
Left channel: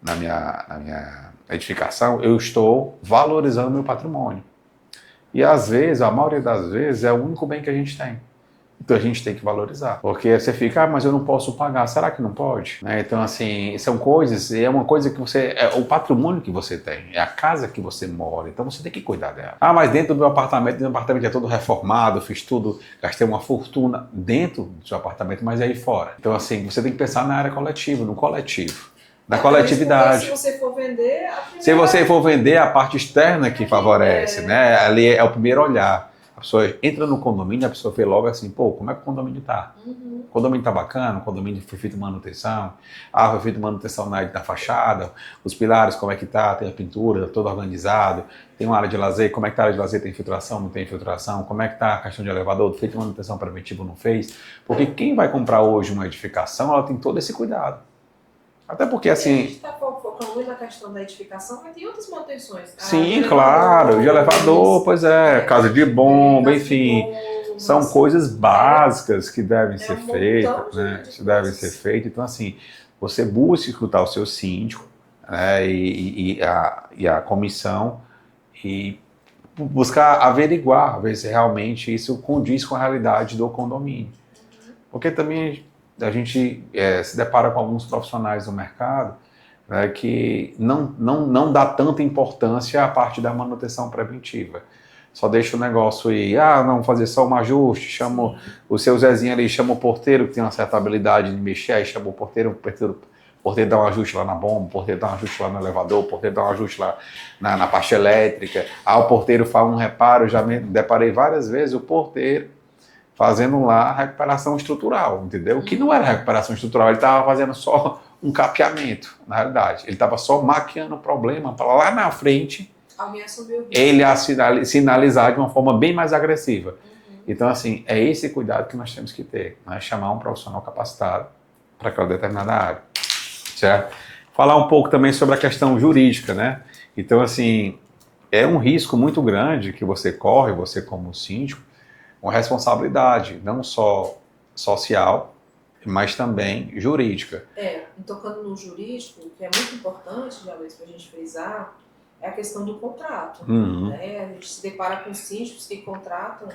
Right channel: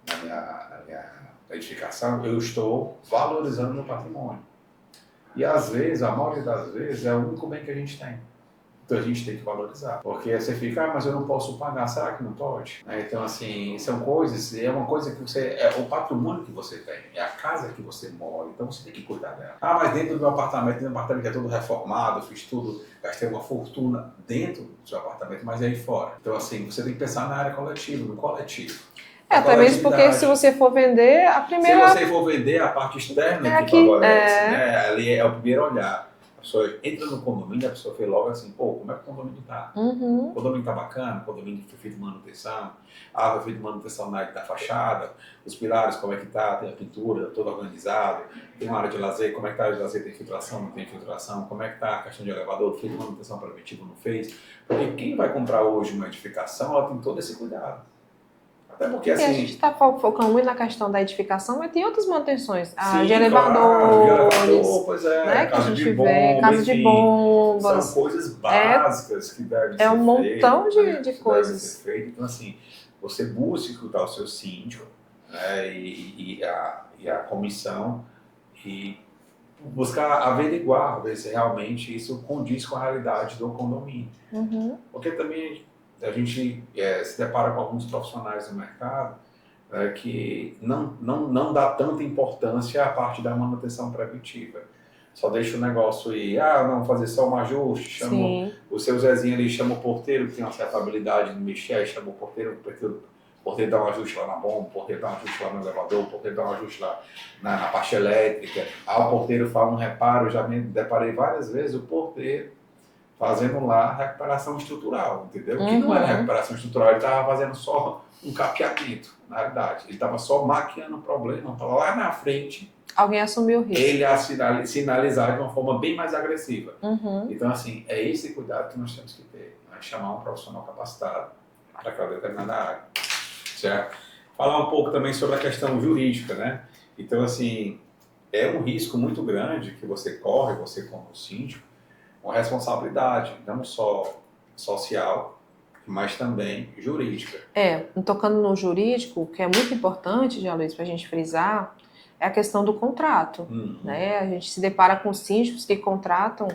na minha edificação, eu estou valorizando meu patrimônio. E às vezes, a maioria das vezes, é o único bem que a gente tem. Então a gente tem que valorizar. Porque você fica, mas eu não posso pagar. Será que não pode? Né? Então, assim, são coisas, é uma coisa que é o patrimônio que você tem, é a casa que você mora, então você tem que cuidar dela. Mas dentro do meu apartamento é todo reformado, fiz tudo, gastei uma fortuna dentro do seu apartamento, mas aí fora. Então, assim, você tem que pensar na área coletiva, no coletivo. Na coletividade. Porque se você for vender, a primeira... Se você for vender, a parte externa que favorece, né? Ali é o primeiro olhar. A pessoa entra no condomínio, a pessoa vê logo assim, pô, como é que o condomínio tá? O condomínio tá bacana, o condomínio foi feito manutenção, foi feito manutenção na fachada, os pilares, como é que tá, tem a pintura, todo organizado, tem uma área de lazer, como é que tá a área de lazer, tem infiltração, não tem infiltração, como é que tá a questão de elevador, feito manutenção preventiva, não fez? Porque quem vai comprar hoje uma edificação, ela tem todo esse cuidado. Até porque, assim... a gente está focando muito na questão da edificação, mas tem outras manutenções. Sim, claro, de elevador, pois é, casa de bomba, enfim. São coisas básicas que devem ser feitas. É um montão de que devem ser feitas. Então, assim, você busca escutar o seu síndico, né, e a comissão e buscar averiguar, ver se realmente isso condiz com a realidade do condomínio. Porque também a gente se depara com alguns profissionais do mercado, né, que não dá tanta importância à parte da manutenção preventiva. Só deixa o negócio aí, não, fazer só um ajuste, chama o seu Zezinho ali, chama o porteiro, que tem uma certa habilidade de mexer, aí chama o porteiro dá um ajuste lá na bomba, o porteiro dá um ajuste lá no elevador, o porteiro dá um ajuste lá na parte elétrica, o porteiro faz um reparo, já me deparei várias vezes, o porteiro fazendo lá a recuperação estrutural, entendeu? Que não era recuperação estrutural, ele estava fazendo só um capeamento, na realidade. Ele estava só maquiando o problema para lá na frente alguém assumiu o risco. Ele sinalizar de uma forma bem mais agressiva. Então, assim, é esse cuidado que nós temos que ter, né? Chamar um profissional capacitado para aquela determinada área, certo? Falar um pouco também sobre a questão jurídica, né? Então, assim, é um risco muito grande que você corre, você como síndico, uma responsabilidade, não só social, mas também jurídica. Tocando no jurídico, o que é muito importante, Jean Luiz, para a gente frisar, é a questão do contrato. Né? A gente se depara com síndicos que contratam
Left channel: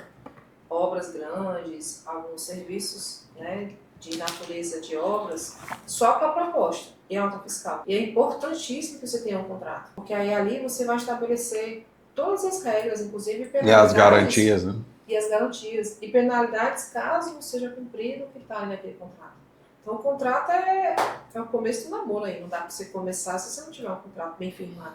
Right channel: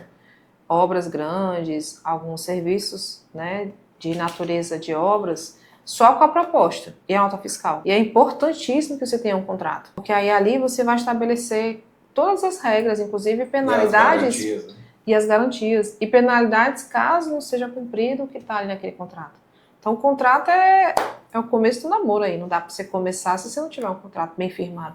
obras grandes, alguns serviços, né, de natureza de obras, só com a proposta e a nota fiscal. E é importantíssimo que você tenha um contrato, porque aí ali você vai estabelecer todas as regras, inclusive penalidades. E as garantias, né? E as garantias. E penalidades caso não seja cumprido o que está ali naquele contrato. Então, o contrato é o começo do namoro aí. Não dá para você começar se você não tiver um contrato bem firmado.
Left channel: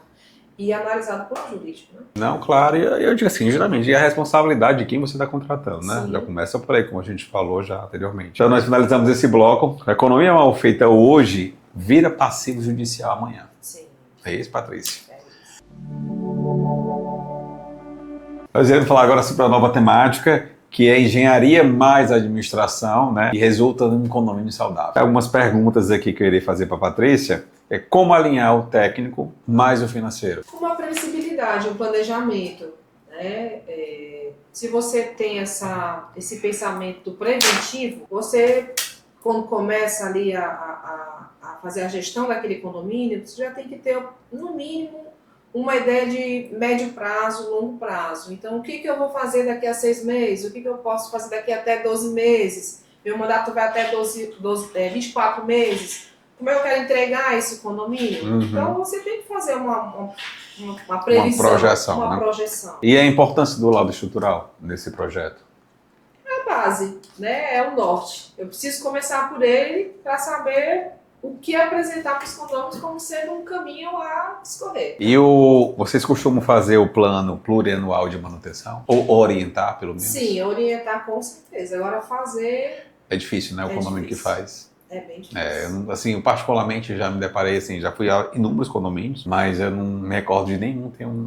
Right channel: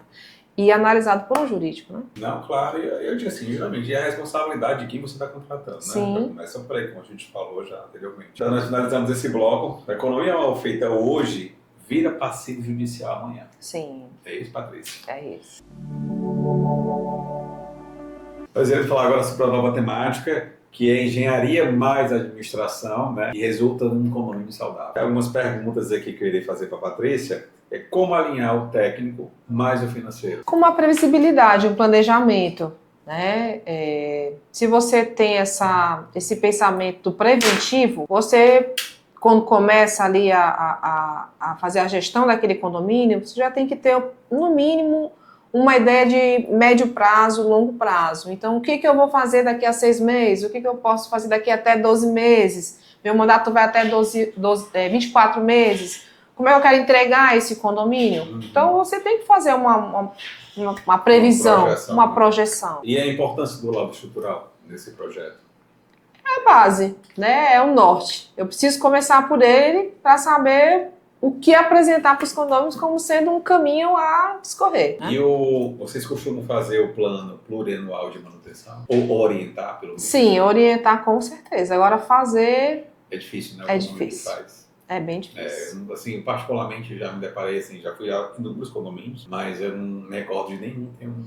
E analisado por um jurídico, né? Não, claro. E eu digo assim, geralmente, é a responsabilidade de quem você está contratando, né? Sim. Já começa por aí, como a gente falou já anteriormente. Então, nós finalizamos esse bloco. A economia mal feita hoje vira passivo judicial amanhã. Sim. É isso, Patrícia? É isso. Nós iremos falar agora sobre a nova temática, que é engenharia mais administração, né? E resulta num condomínio saudável. Tem algumas perguntas aqui que eu irei fazer para a Patrícia. Como alinhar o técnico mais o financeiro? Com uma previsibilidade, um planejamento, né? Se você tem esse pensamento do preventivo, você, quando começa ali a fazer a gestão daquele condomínio, você já tem que ter, no mínimo, uma ideia de médio prazo, longo prazo. Então, o que eu vou fazer daqui a 6 meses? O que eu posso fazer daqui até 12 meses? Meu mandato vai até 24 meses. Como é que eu quero entregar esse condomínio? Então, você tem que fazer uma previsão, uma projeção. E a importância do lado estrutural nesse projeto? É a base, né? É o norte. Eu preciso começar por ele para saber o que apresentar para os condôminos como sendo um caminho a escorrer. Né? E vocês costumam fazer o plano plurianual de manutenção? Ou orientar, pelo menos? Sim, orientar com certeza. Agora fazer... É difícil, né? O condomínio que faz. É bem difícil. Assim, eu particularmente já me deparei, assim, já fui a inúmeros condomínios, mas eu não me recordo de nenhum ter um...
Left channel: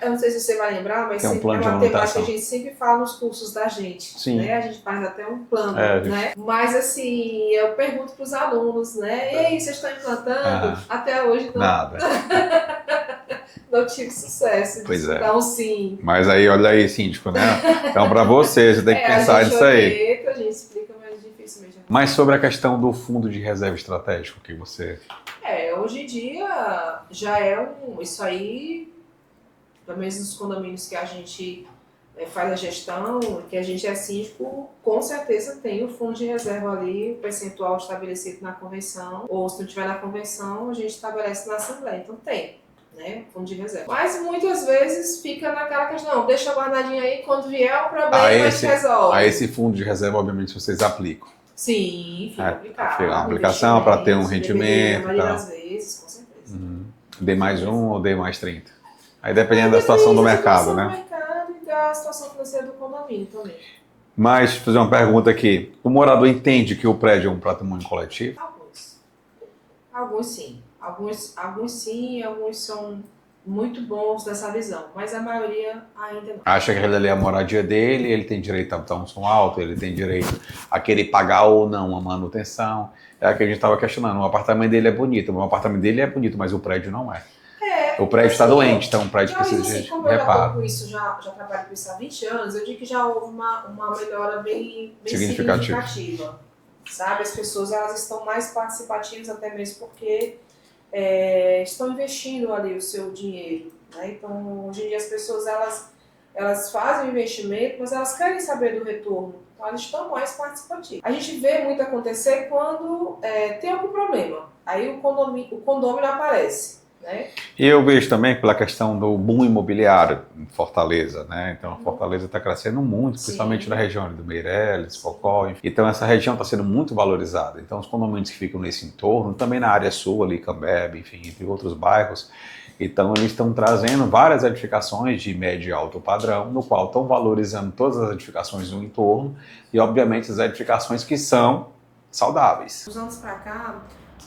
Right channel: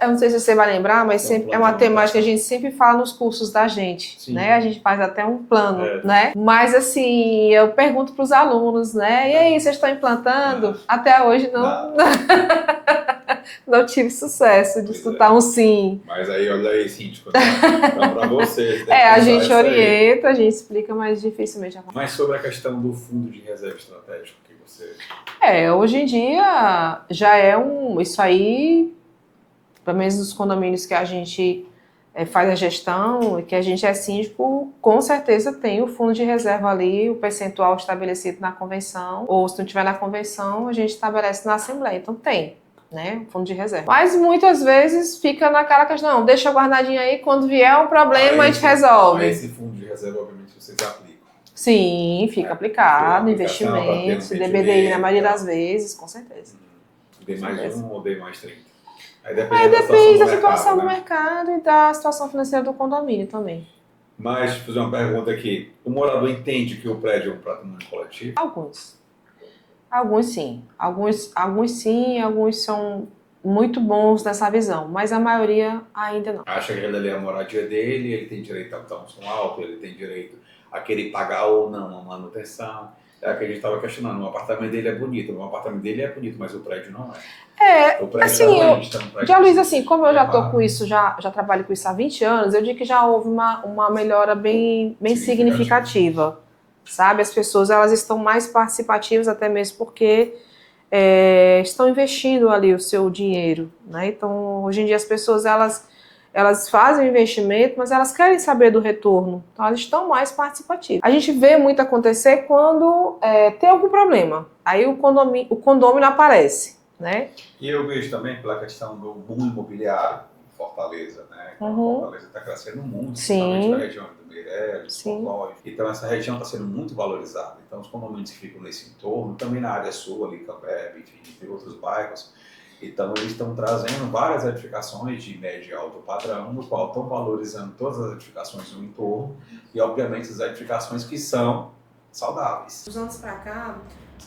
eu não sei se você vai lembrar, mas sempre é uma temática que a gente sempre fala nos cursos da gente, Sim. Né? A gente faz até um plano, né? Mas, assim, eu pergunto para os alunos, né? E aí, vocês estão implantando? Até hoje não... Nada. Não tive sucesso de escutar um sim. Mas aí, olha aí, síndico, né? Então, para você tem que pensar nisso aí. A gente orienta, a gente explica, mas dificilmente acontece. Mas sobre a questão do fundo de reserva estratégico que você... Hoje em dia já é isso aí, pelo menos nos condomínios que a gente faz a gestão e que a gente é síndico, com certeza tem o fundo de reserva ali, o percentual estabelecido na convenção, ou se não tiver na convenção, a gente estabelece na Assembleia. Então tem. Né, fundo de reserva. Mas muitas vezes fica naquela questão, deixa guardadinho aí, quando vier um problema a gente resolve. Aí esse fundo de reserva, obviamente, vocês aplicam. Sim, fica aplicado, aplicação para ter um rendimento. DBDI, na maioria das vezes, com certeza. D mais 1 ou D mais 30? Aí dependendo da situação do mercado, da situação né? do mercado e da situação financeira do condomínio também. Mas, deixa eu fazer uma pergunta aqui. O morador entende que o prédio é um patrimônio coletivo? Alguns. Alguns sim. Alguns sim, alguns são muito bons nessa visão, mas a maioria ainda não. Acha que aquela ali é a moradia dele, ele tem direito a botar um som alto, ele tem direito a querer pagar ou não a manutenção. É o que a gente estava questionando. O apartamento dele é bonito, o apartamento dele é bonito, mas o prédio não é. O prédio está doente, então o prédio já, Luiz, precisa assim, de como eu já reparo. estou com isso, já trabalho com isso há 20 anos, eu digo que já houve uma melhora bem significativa. Sabe? As pessoas elas estão mais participativas, até mesmo porque estão investindo ali o seu dinheiro, né? Então, hoje em dia as pessoas elas fazem o investimento, mas elas querem saber do retorno. Então, elas estão mais participativas. A gente vê muito acontecer quando tem algum problema. Aí o condômino aparece, né? E eu vejo também pela questão do boom imobiliário em Fortaleza, né? Então, a Fortaleza está crescendo muito, principalmente na região do Meireles, Focó. Então, essa região está sendo muito valorizada. Então, os condomínios que ficam nesse entorno, também na área sul, ali, Cambebe, enfim, entre outros bairros, então, eles estão trazendo várias edificações de médio e alto padrão, no qual estão valorizando todas as edificações do entorno e, obviamente, as edificações que são saudáveis. Dos anos para cá,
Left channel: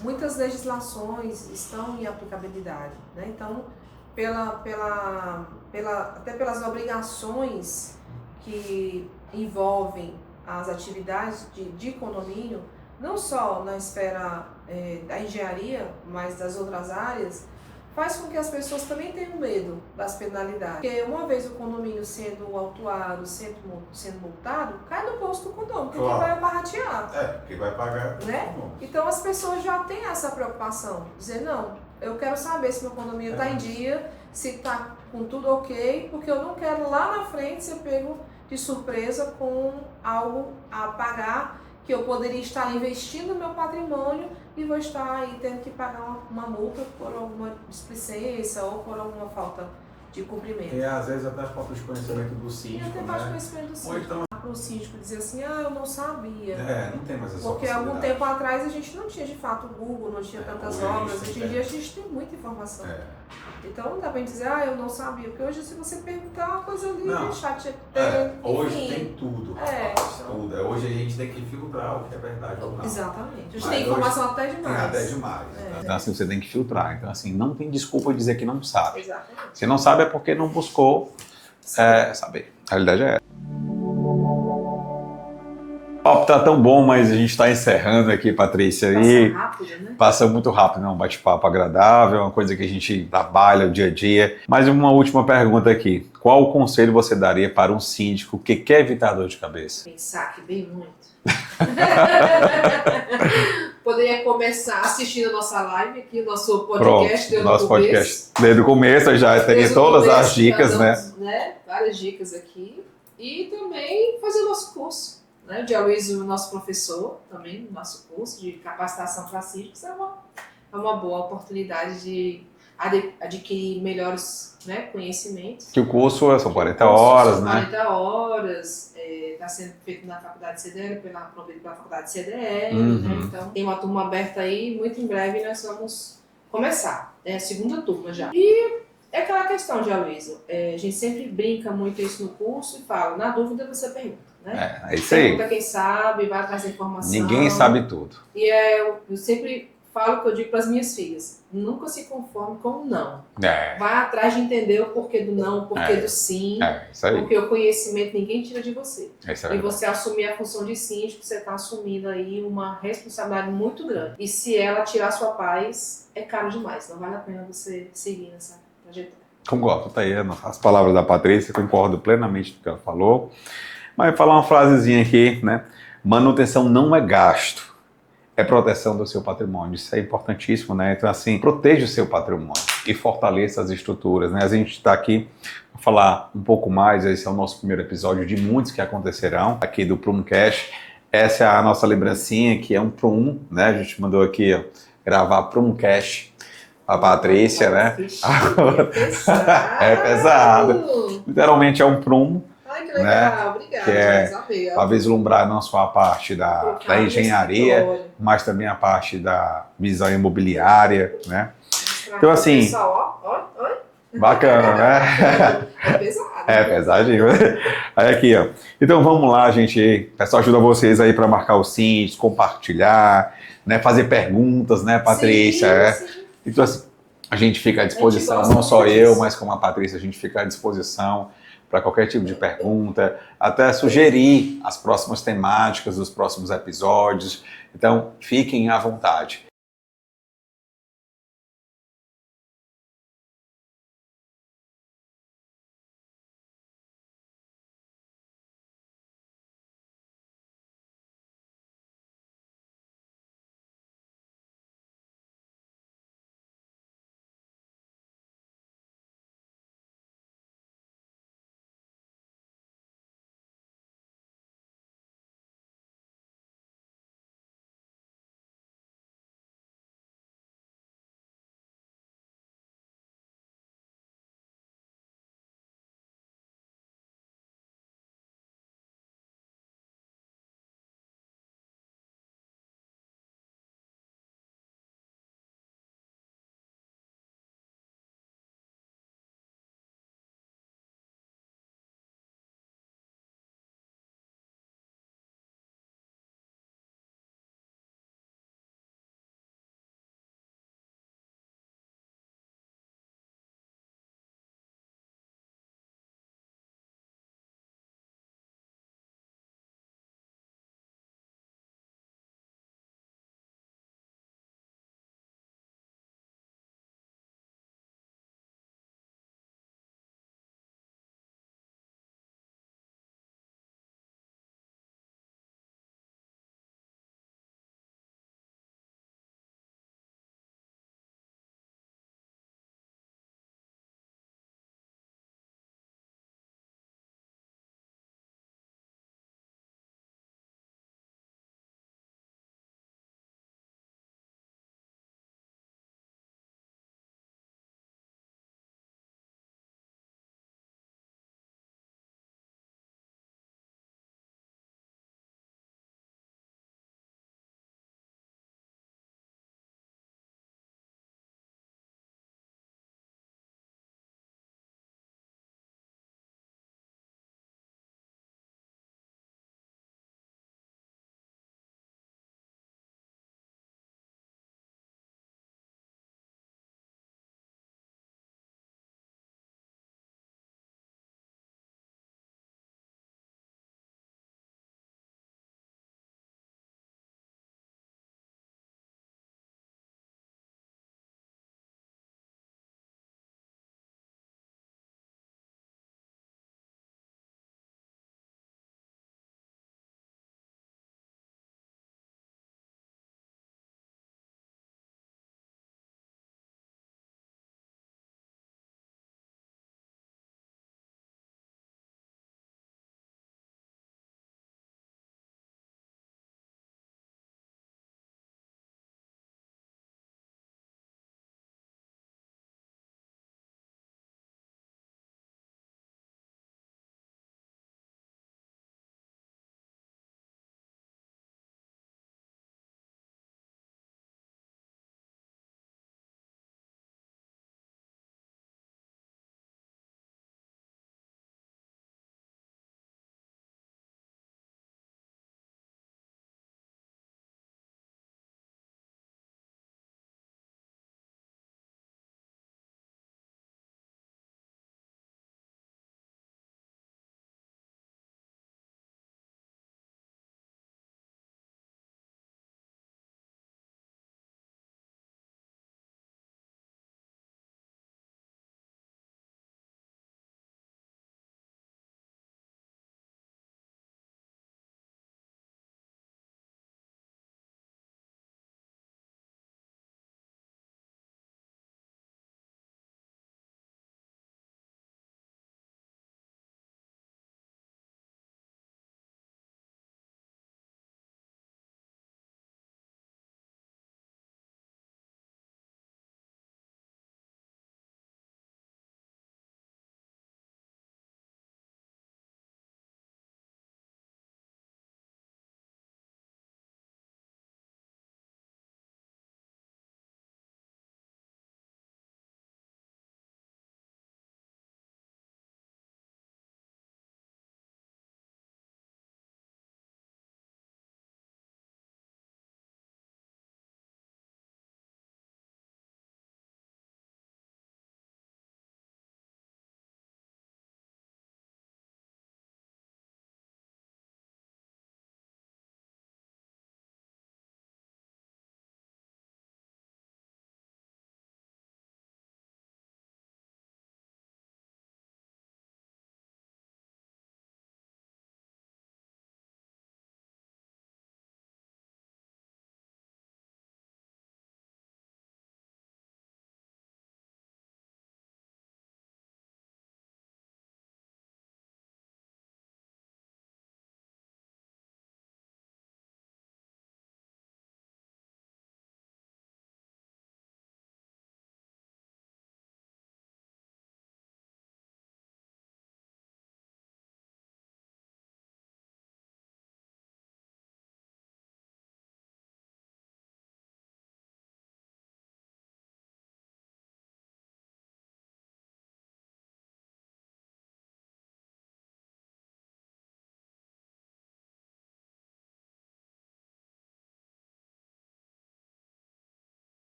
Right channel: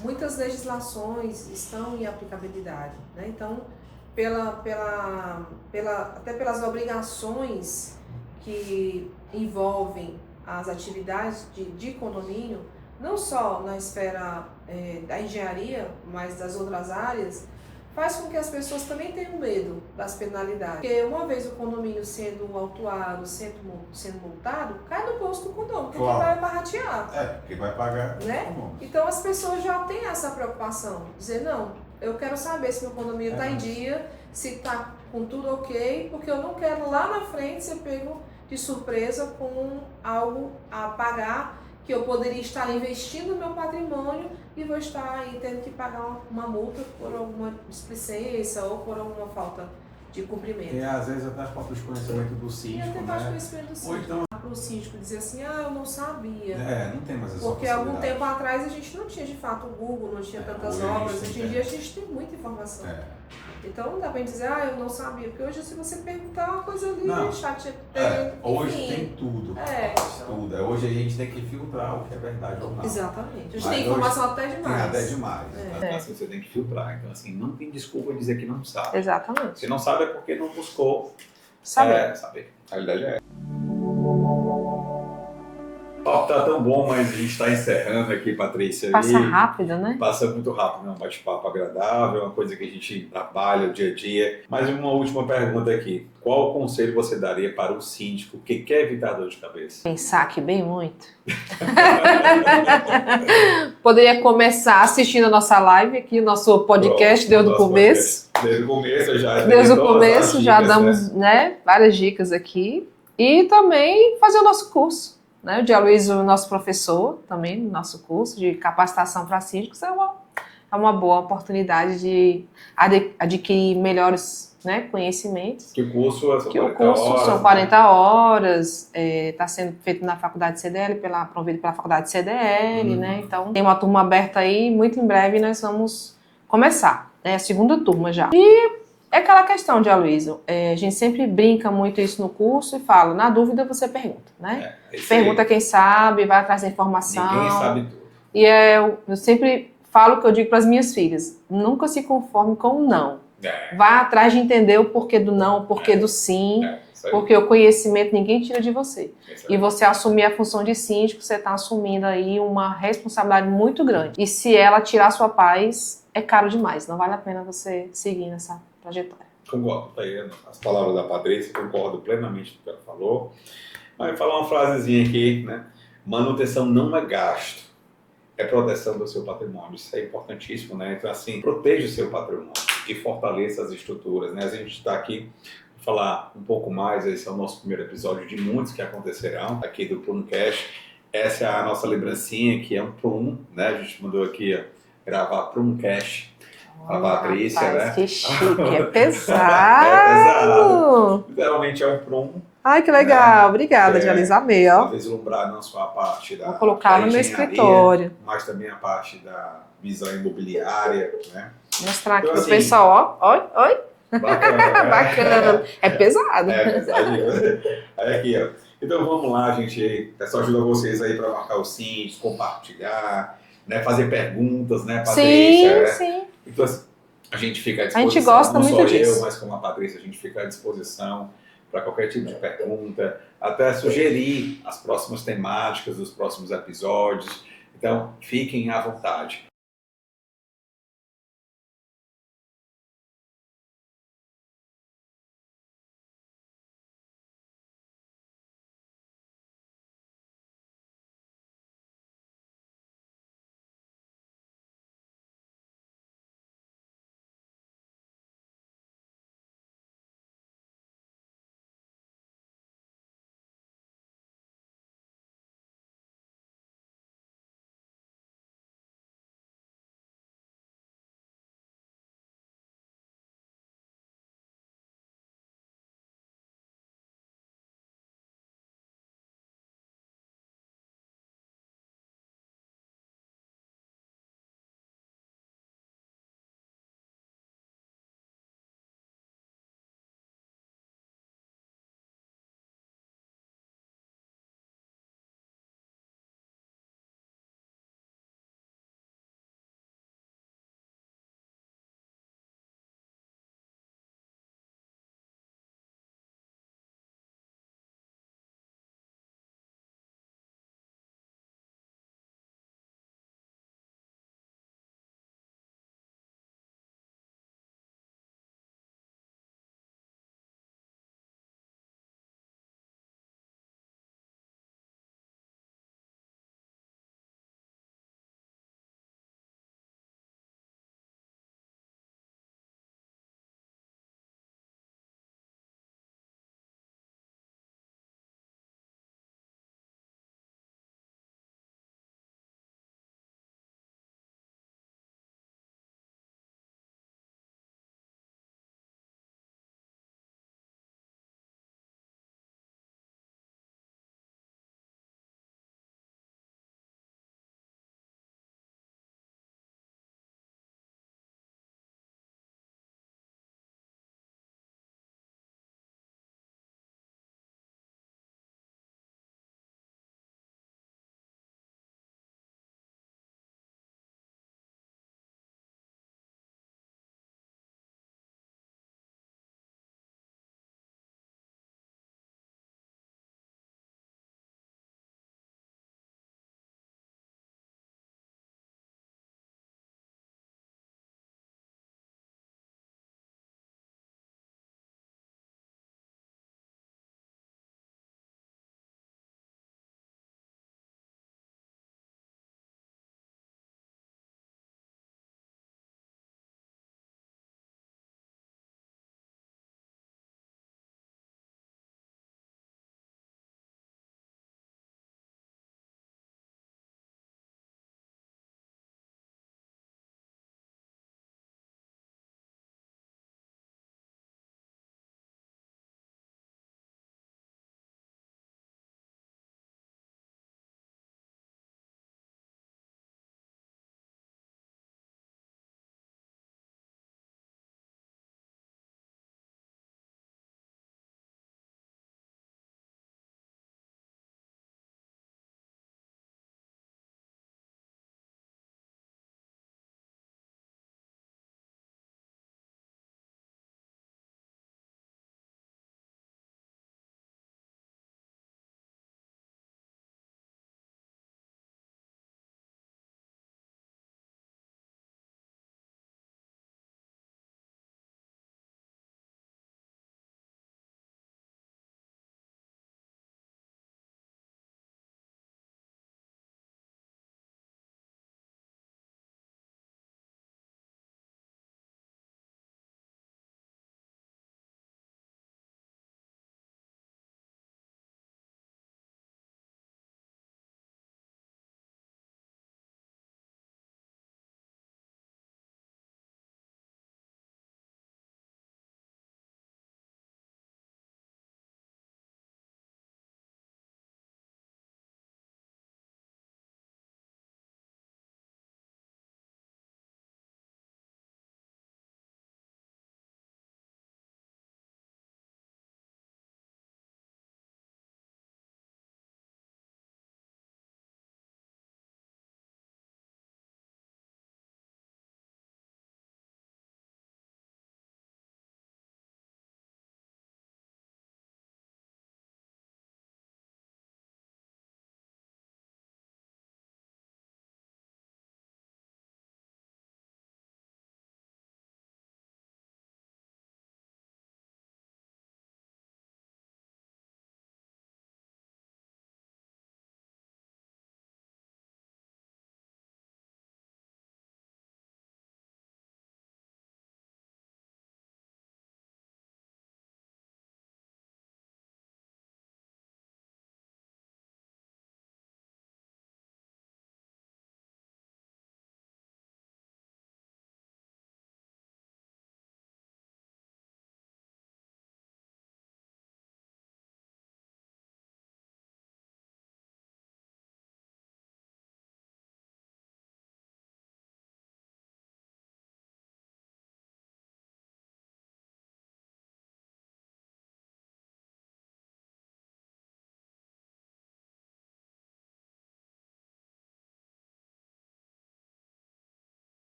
muitas legislações estão em aplicabilidade, né? Então, até pelas obrigações que envolvem as atividades de condomínio, não só na esfera da engenharia, mas das outras áreas, faz com que as pessoas também tenham medo das penalidades. Porque uma vez o condomínio sendo autuado, sendo multado, cai no bolso do condomínio, porque vai baratear. Porque vai pagar. Né? Então as pessoas já têm essa preocupação, dizer, não, eu quero saber se meu condomínio está em dia, se está com tudo ok, porque eu não quero lá na frente ser pego de surpresa com algo a pagar, que eu poderia estar investindo no meu patrimônio e vou estar aí tendo que pagar uma multa por alguma displicência ou por alguma falta de cumprimento. E às vezes até falta de conhecimento do síndico, e até falta de conhecimento do síndico. Ou então para o síndico dizer assim, eu não sabia. Não tem mais essa porque algum tempo atrás a gente não tinha de fato o Google, não tinha tantas obras. Hoje em dia a gente tem muita informação. Então não dá pra gente dizer, eu não sabia, porque hoje se você perguntar uma coisa ali, chat hoje tem tudo. Tudo. Hoje a gente tem que filtrar o que é verdade ou não. Exatamente. Hoje tem informação até demais. Até demais. Então assim, você tem que filtrar. Então assim, não tem desculpa dizer que não sabe. Exatamente. Se não sabe é porque não buscou saber. A realidade é essa. Tá tão bom, mas a gente está encerrando aqui, Patrícia. Passa rápido, né? Passa muito rápido, é um bate-papo agradável, uma coisa que a gente trabalha o dia a dia. Mas uma última pergunta aqui. Qual o conselho você daria para um síndico que quer evitar dor de cabeça? Pensar aqui bem muito. Poderia começar assistindo a nossa live aqui, o nosso podcast desde o começo. Desde o começo, já tem todas as dicas, já damos, né? Várias dicas aqui. E também fazer o nosso curso. Né? O Dia Luiz, o nosso professor, também no nosso curso de capacitação para síndicos, é uma boa oportunidade de adquirir melhores, né, conhecimentos. Que o curso são 40 horas. São 40 horas, está sendo feito na faculdade CDL, promovido pela faculdade CDL, né? Então tem uma turma aberta aí, muito em breve nós vamos começar, né? A segunda turma já. E é aquela questão de Aloysio, a gente sempre brinca muito isso no curso e fala, na dúvida você pergunta, né? É isso pergunta aí. Quem sabe, vai atrás da informação. Ninguém sabe tudo. E eu sempre falo o que eu digo para as minhas filhas, nunca se conforme com o não. Vá atrás de entender o porquê do não, o porquê do sim, isso aí. porque o conhecimento ninguém tira de você. E você assumir a função de síndico, você está assumindo aí uma responsabilidade muito grande. E se ela tirar sua paz, é caro demais, não vale a pena você seguir nessa trajetória. Concordo, tá aí as palavras da Patrícia, concordo plenamente com o que ela falou. Mas falar uma frasezinha aqui, né? Manutenção não é gasto, é proteção do seu patrimônio. Isso é importantíssimo, né? Então, assim, proteja o seu patrimônio e fortaleça as estruturas, né? A gente está aqui para falar um pouco mais, esse é o nosso primeiro episódio de muitos que acontecerão aqui do Prumcast. Essa é a nossa lembrancinha, que é um Prum, né? A gente mandou aqui gravar Prumcast. A Patrícia, né? Que chique, é pesado. É pesado. Literalmente é um prumo. Ai, que legal. Né? Obrigada, Janice. Amei, ó. Para vislumbrar não só a parte da engenharia, mas também a parte da visão imobiliária, né? Mostrar então, aqui assim, pro pessoal, ó. Oi. Bacana, né? Bacana. É pesado. É pesadinho. Aí aqui, ó. Então vamos lá, gente. O pessoal ajuda vocês aí para marcar os sims, compartilhar, né? Fazer perguntas, né, Patrícia? Sim, sim. Então, assim, a gente fica à A gente disposição, gosta não muito só disso. eu, mas como a Patrícia, a gente fica à disposição para qualquer tipo de pergunta, até sugerir as próximas temáticas dos próximos episódios. Então, fiquem à vontade.